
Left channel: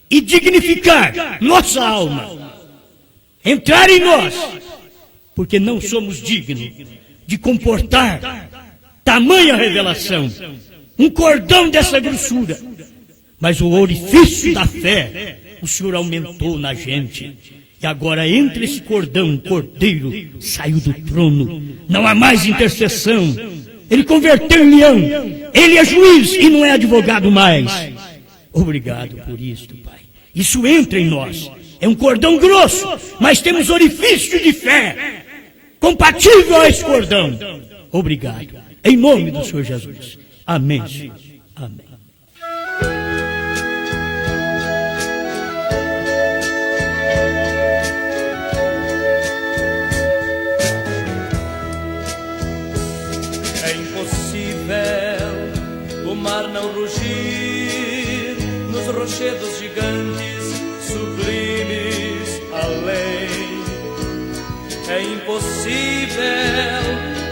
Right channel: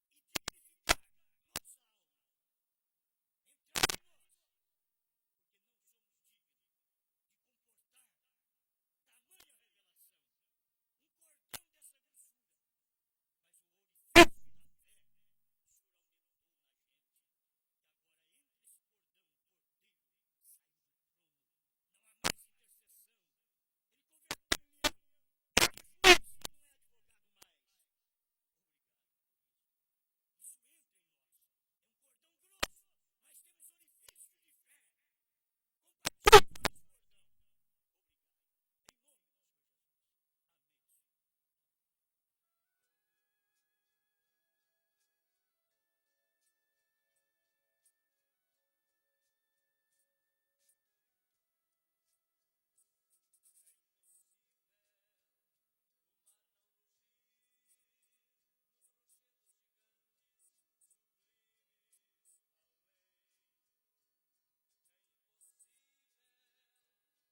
E dignificar nossa alma. Entrar em nós, porque não somos dignos de comportar tamanha revelação, um cordão dessa grossura, mas o orifício da fé, o Senhor aumentou na gente, e agora entre esse cordão, o cordeiro saiu do trono, não há mais intercessão, ele converteu em leão, ele é juiz e não é advogado mais. Obrigado por isto, Pai. Isso entra em nós. É um cordão grosso, mas temos orifício de fé compatível a esse cordão. Obrigado. Em nome do Senhor Jesus. Amém. Senhor. Amém. É impossível o mar não rugir nos rochedos gigantes sublimes além. É impossível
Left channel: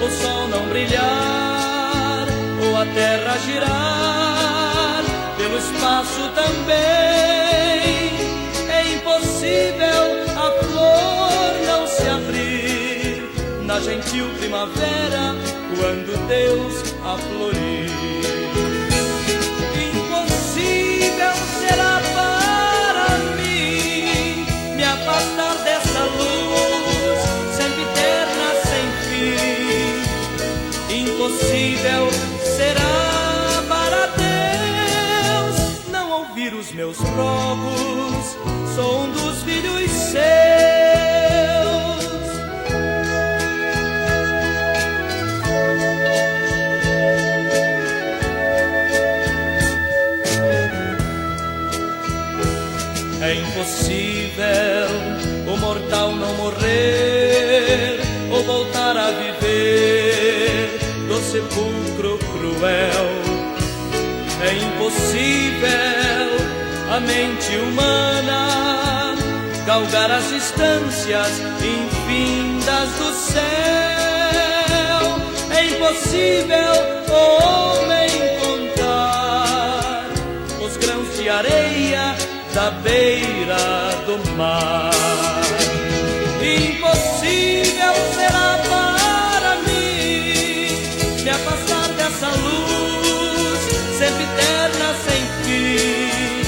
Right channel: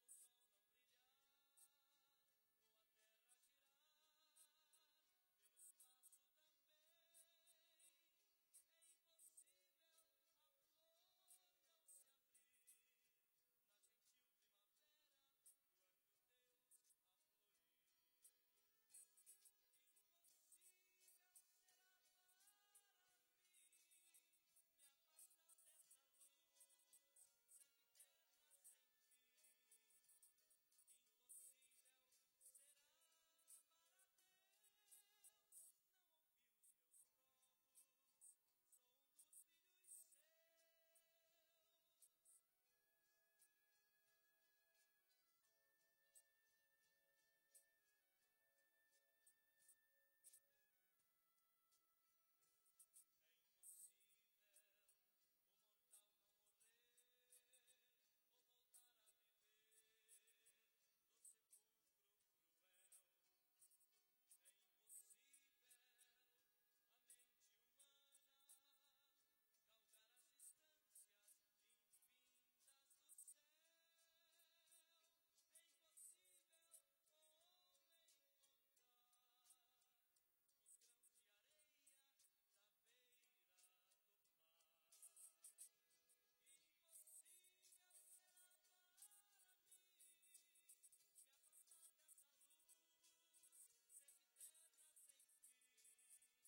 o sol não brilhar ou a terra girar pelo espaço também. É impossível a flor não se abrir na gentil primavera quando Deus a florir. Impossível será para mim me afastar dessa luz sempre eterna, sem fim. Impossível será para Deus não ouvir os meus rogos. Sou um dos filhos seus. É impossível o mortal não morrer ou voltar a viver do sepulcro cruel. É impossível a mente humana galgar as distâncias infindas do céu. É impossível o homem contar os grãos de areia da beira do mar. Impossível será para mim me afastar dessa luz sempre eterna sem fim.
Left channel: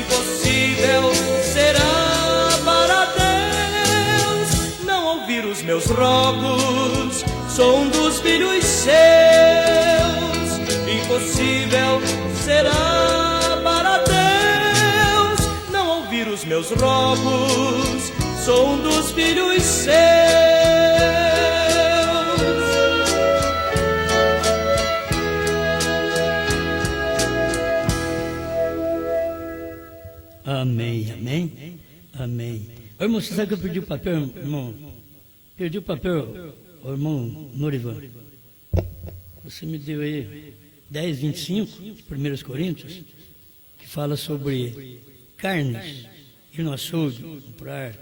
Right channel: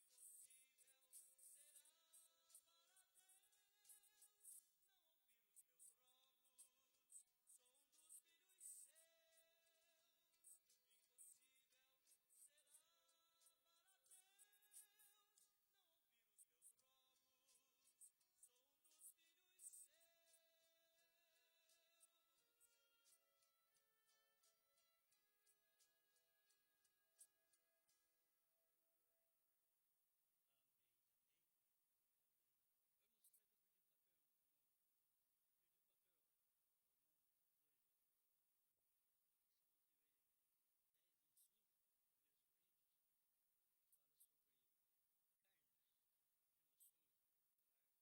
Impossível será para Deus não ouvir os meus rogos, sou um dos filhos seus. Impossível será para Deus não ouvir os meus rogos, sou um dos filhos seus. Amém, amém, amém. Ô, irmão, você sabe que eu perdi o papel, irmão? Perdi o papel, ô, irmão Norivan. Você me deu aí 10:25, 1 Coríntios, que fala sobre carnes, ir no açougue, comprar,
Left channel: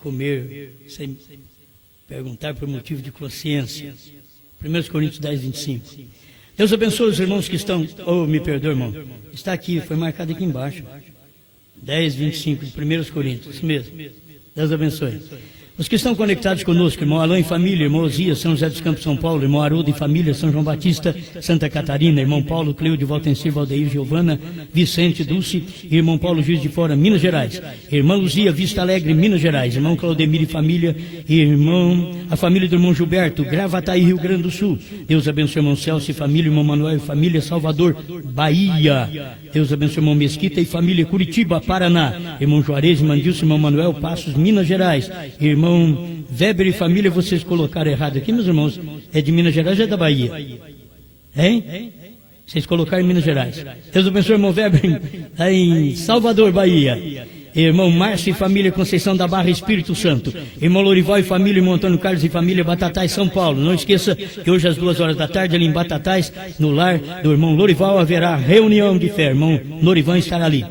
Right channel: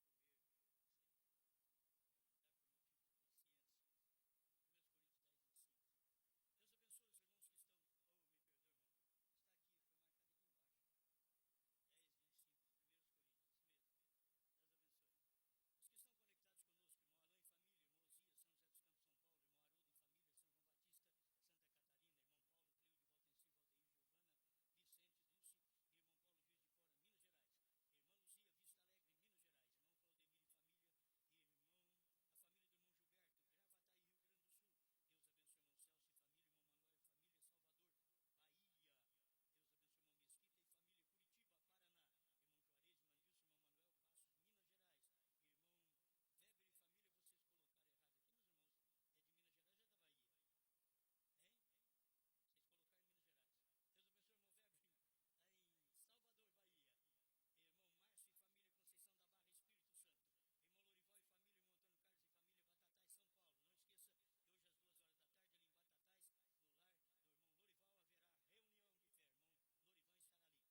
comer, sem perguntar por motivo de consciência. 1 Coríntios 10:25. Deus abençoe os irmãos que estão, me perdoe, irmão, está aqui, foi marcado aqui embaixo. 10:25 de 1 Coríntios, isso mesmo. Deus abençoe. Os que estão conectados conosco, irmão Alain e família, irmão Osias, São José dos Campos, São Paulo, irmão Haroldo e família, São João Batista, Santa Catarina, irmão Paulo, Cleude, Valtencir, Valdeir, Giovana, Vicente, Dulce, irmão Paulo, Juiz de Fora, Minas Gerais, irmã Luzia, Vista Alegre, Minas Gerais, irmão Claudemir e família, a família do irmão Gilberto, Gravataí, Rio Grande do Sul. Deus abençoe irmão Celso e família, irmão Manuel e família, Salvador, Bahia. Deus abençoe irmão Mesquita e família, Curitiba, Paraná, irmão Juarez, Mandilson, irmão Manuel, Passos, Minas Gerais, irmão Weber e família. Vocês colocaram errado aqui, meus irmãos, é de Minas Gerais ou é da Bahia? Hein? Vocês colocaram em Minas Gerais. Deus abençoe irmão Weber, está em Salvador, Bahia. Irmão Márcio e família, Conceição da Barra, Espírito Santo. Irmão Lorival e família, irmão Antônio Carlos e família, Batatais, São Paulo. Não esqueça que hoje às 2 da tarde, ali em Batatais, no lar do irmão Lorival, haverá reunião de fé. Irmão Lorival estará ali.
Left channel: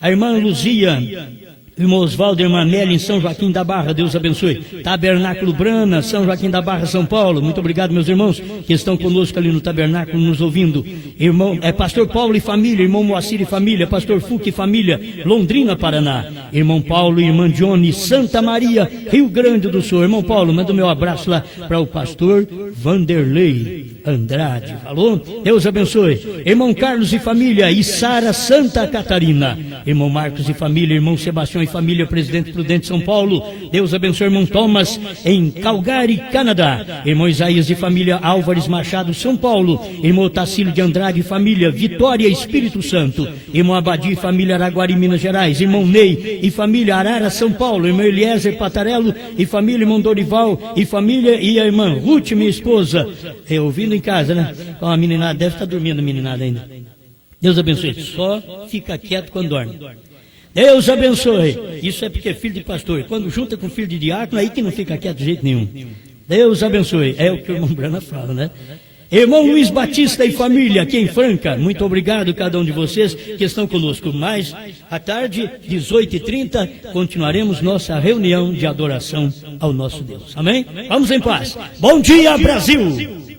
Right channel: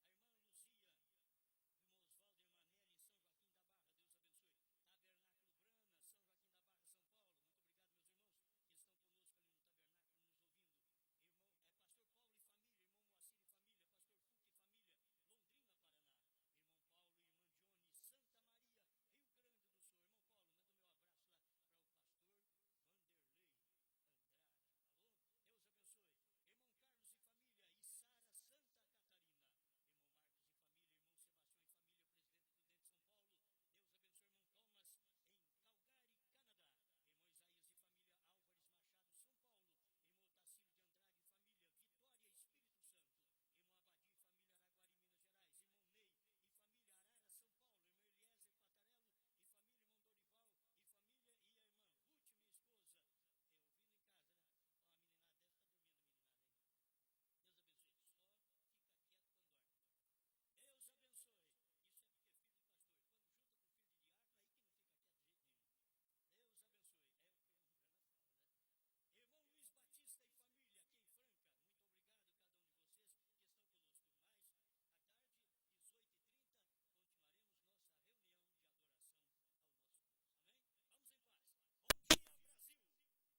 A irmã Luzia, irmão Osvaldo, irmã Nelly, em São Joaquim da Barra, Deus abençoe. Tabernáculo Brana, São Joaquim da Barra, São Paulo. Muito obrigado, meus irmãos, que estão conosco ali no tabernáculo, nos ouvindo. Irmão, pastor Paulo e família, irmão Moacir e família, pastor Fuque e família, Londrina, Paraná. Irmão Paulo e irmã Johnny, Santa Maria, Rio Grande do Sul. Irmão Paulo, manda o meu abraço lá para o pastor Vanderlei Andrade. Falou? Deus abençoe. Irmão Carlos e família, Içara, Santa Catarina. Irmão Marcos e família, irmão Sebastião e família, Presidente Prudente, São Paulo. Deus abençoe irmão Thomas em Calgary, Canadá. Irmão Isaías e família, Álvares Machado, São Paulo. Irmão Tacílio de Andrade e família, Vitória, Espírito Santo. Irmão Abadi e família, Araguari, Minas Gerais. Irmão Ney e família, Arara, São Paulo. Irmão Eliezer Patarello e família, irmão Dorival e família, e a irmã Ruth, minha esposa. Ouvindo em casa, né? A meninada deve estar dormindo, a meninada ainda. Deus abençoe. Só fica quieto quando dorme. Deus abençoe. Isso é porque é filho de pastor. Quando junta com filho de diácono, aí que não fica quieto de jeito nenhum. Deus abençoe. É o que o irmão Brana fala, né? Irmão Luiz Batista e família, aqui em Franca, muito obrigado cada um de vocês que estão conosco. Mais à tarde, 18h30, continuaremos nossa reunião de adoração ao nosso Deus. Amém? Vamos em paz. Bom dia, Brasil!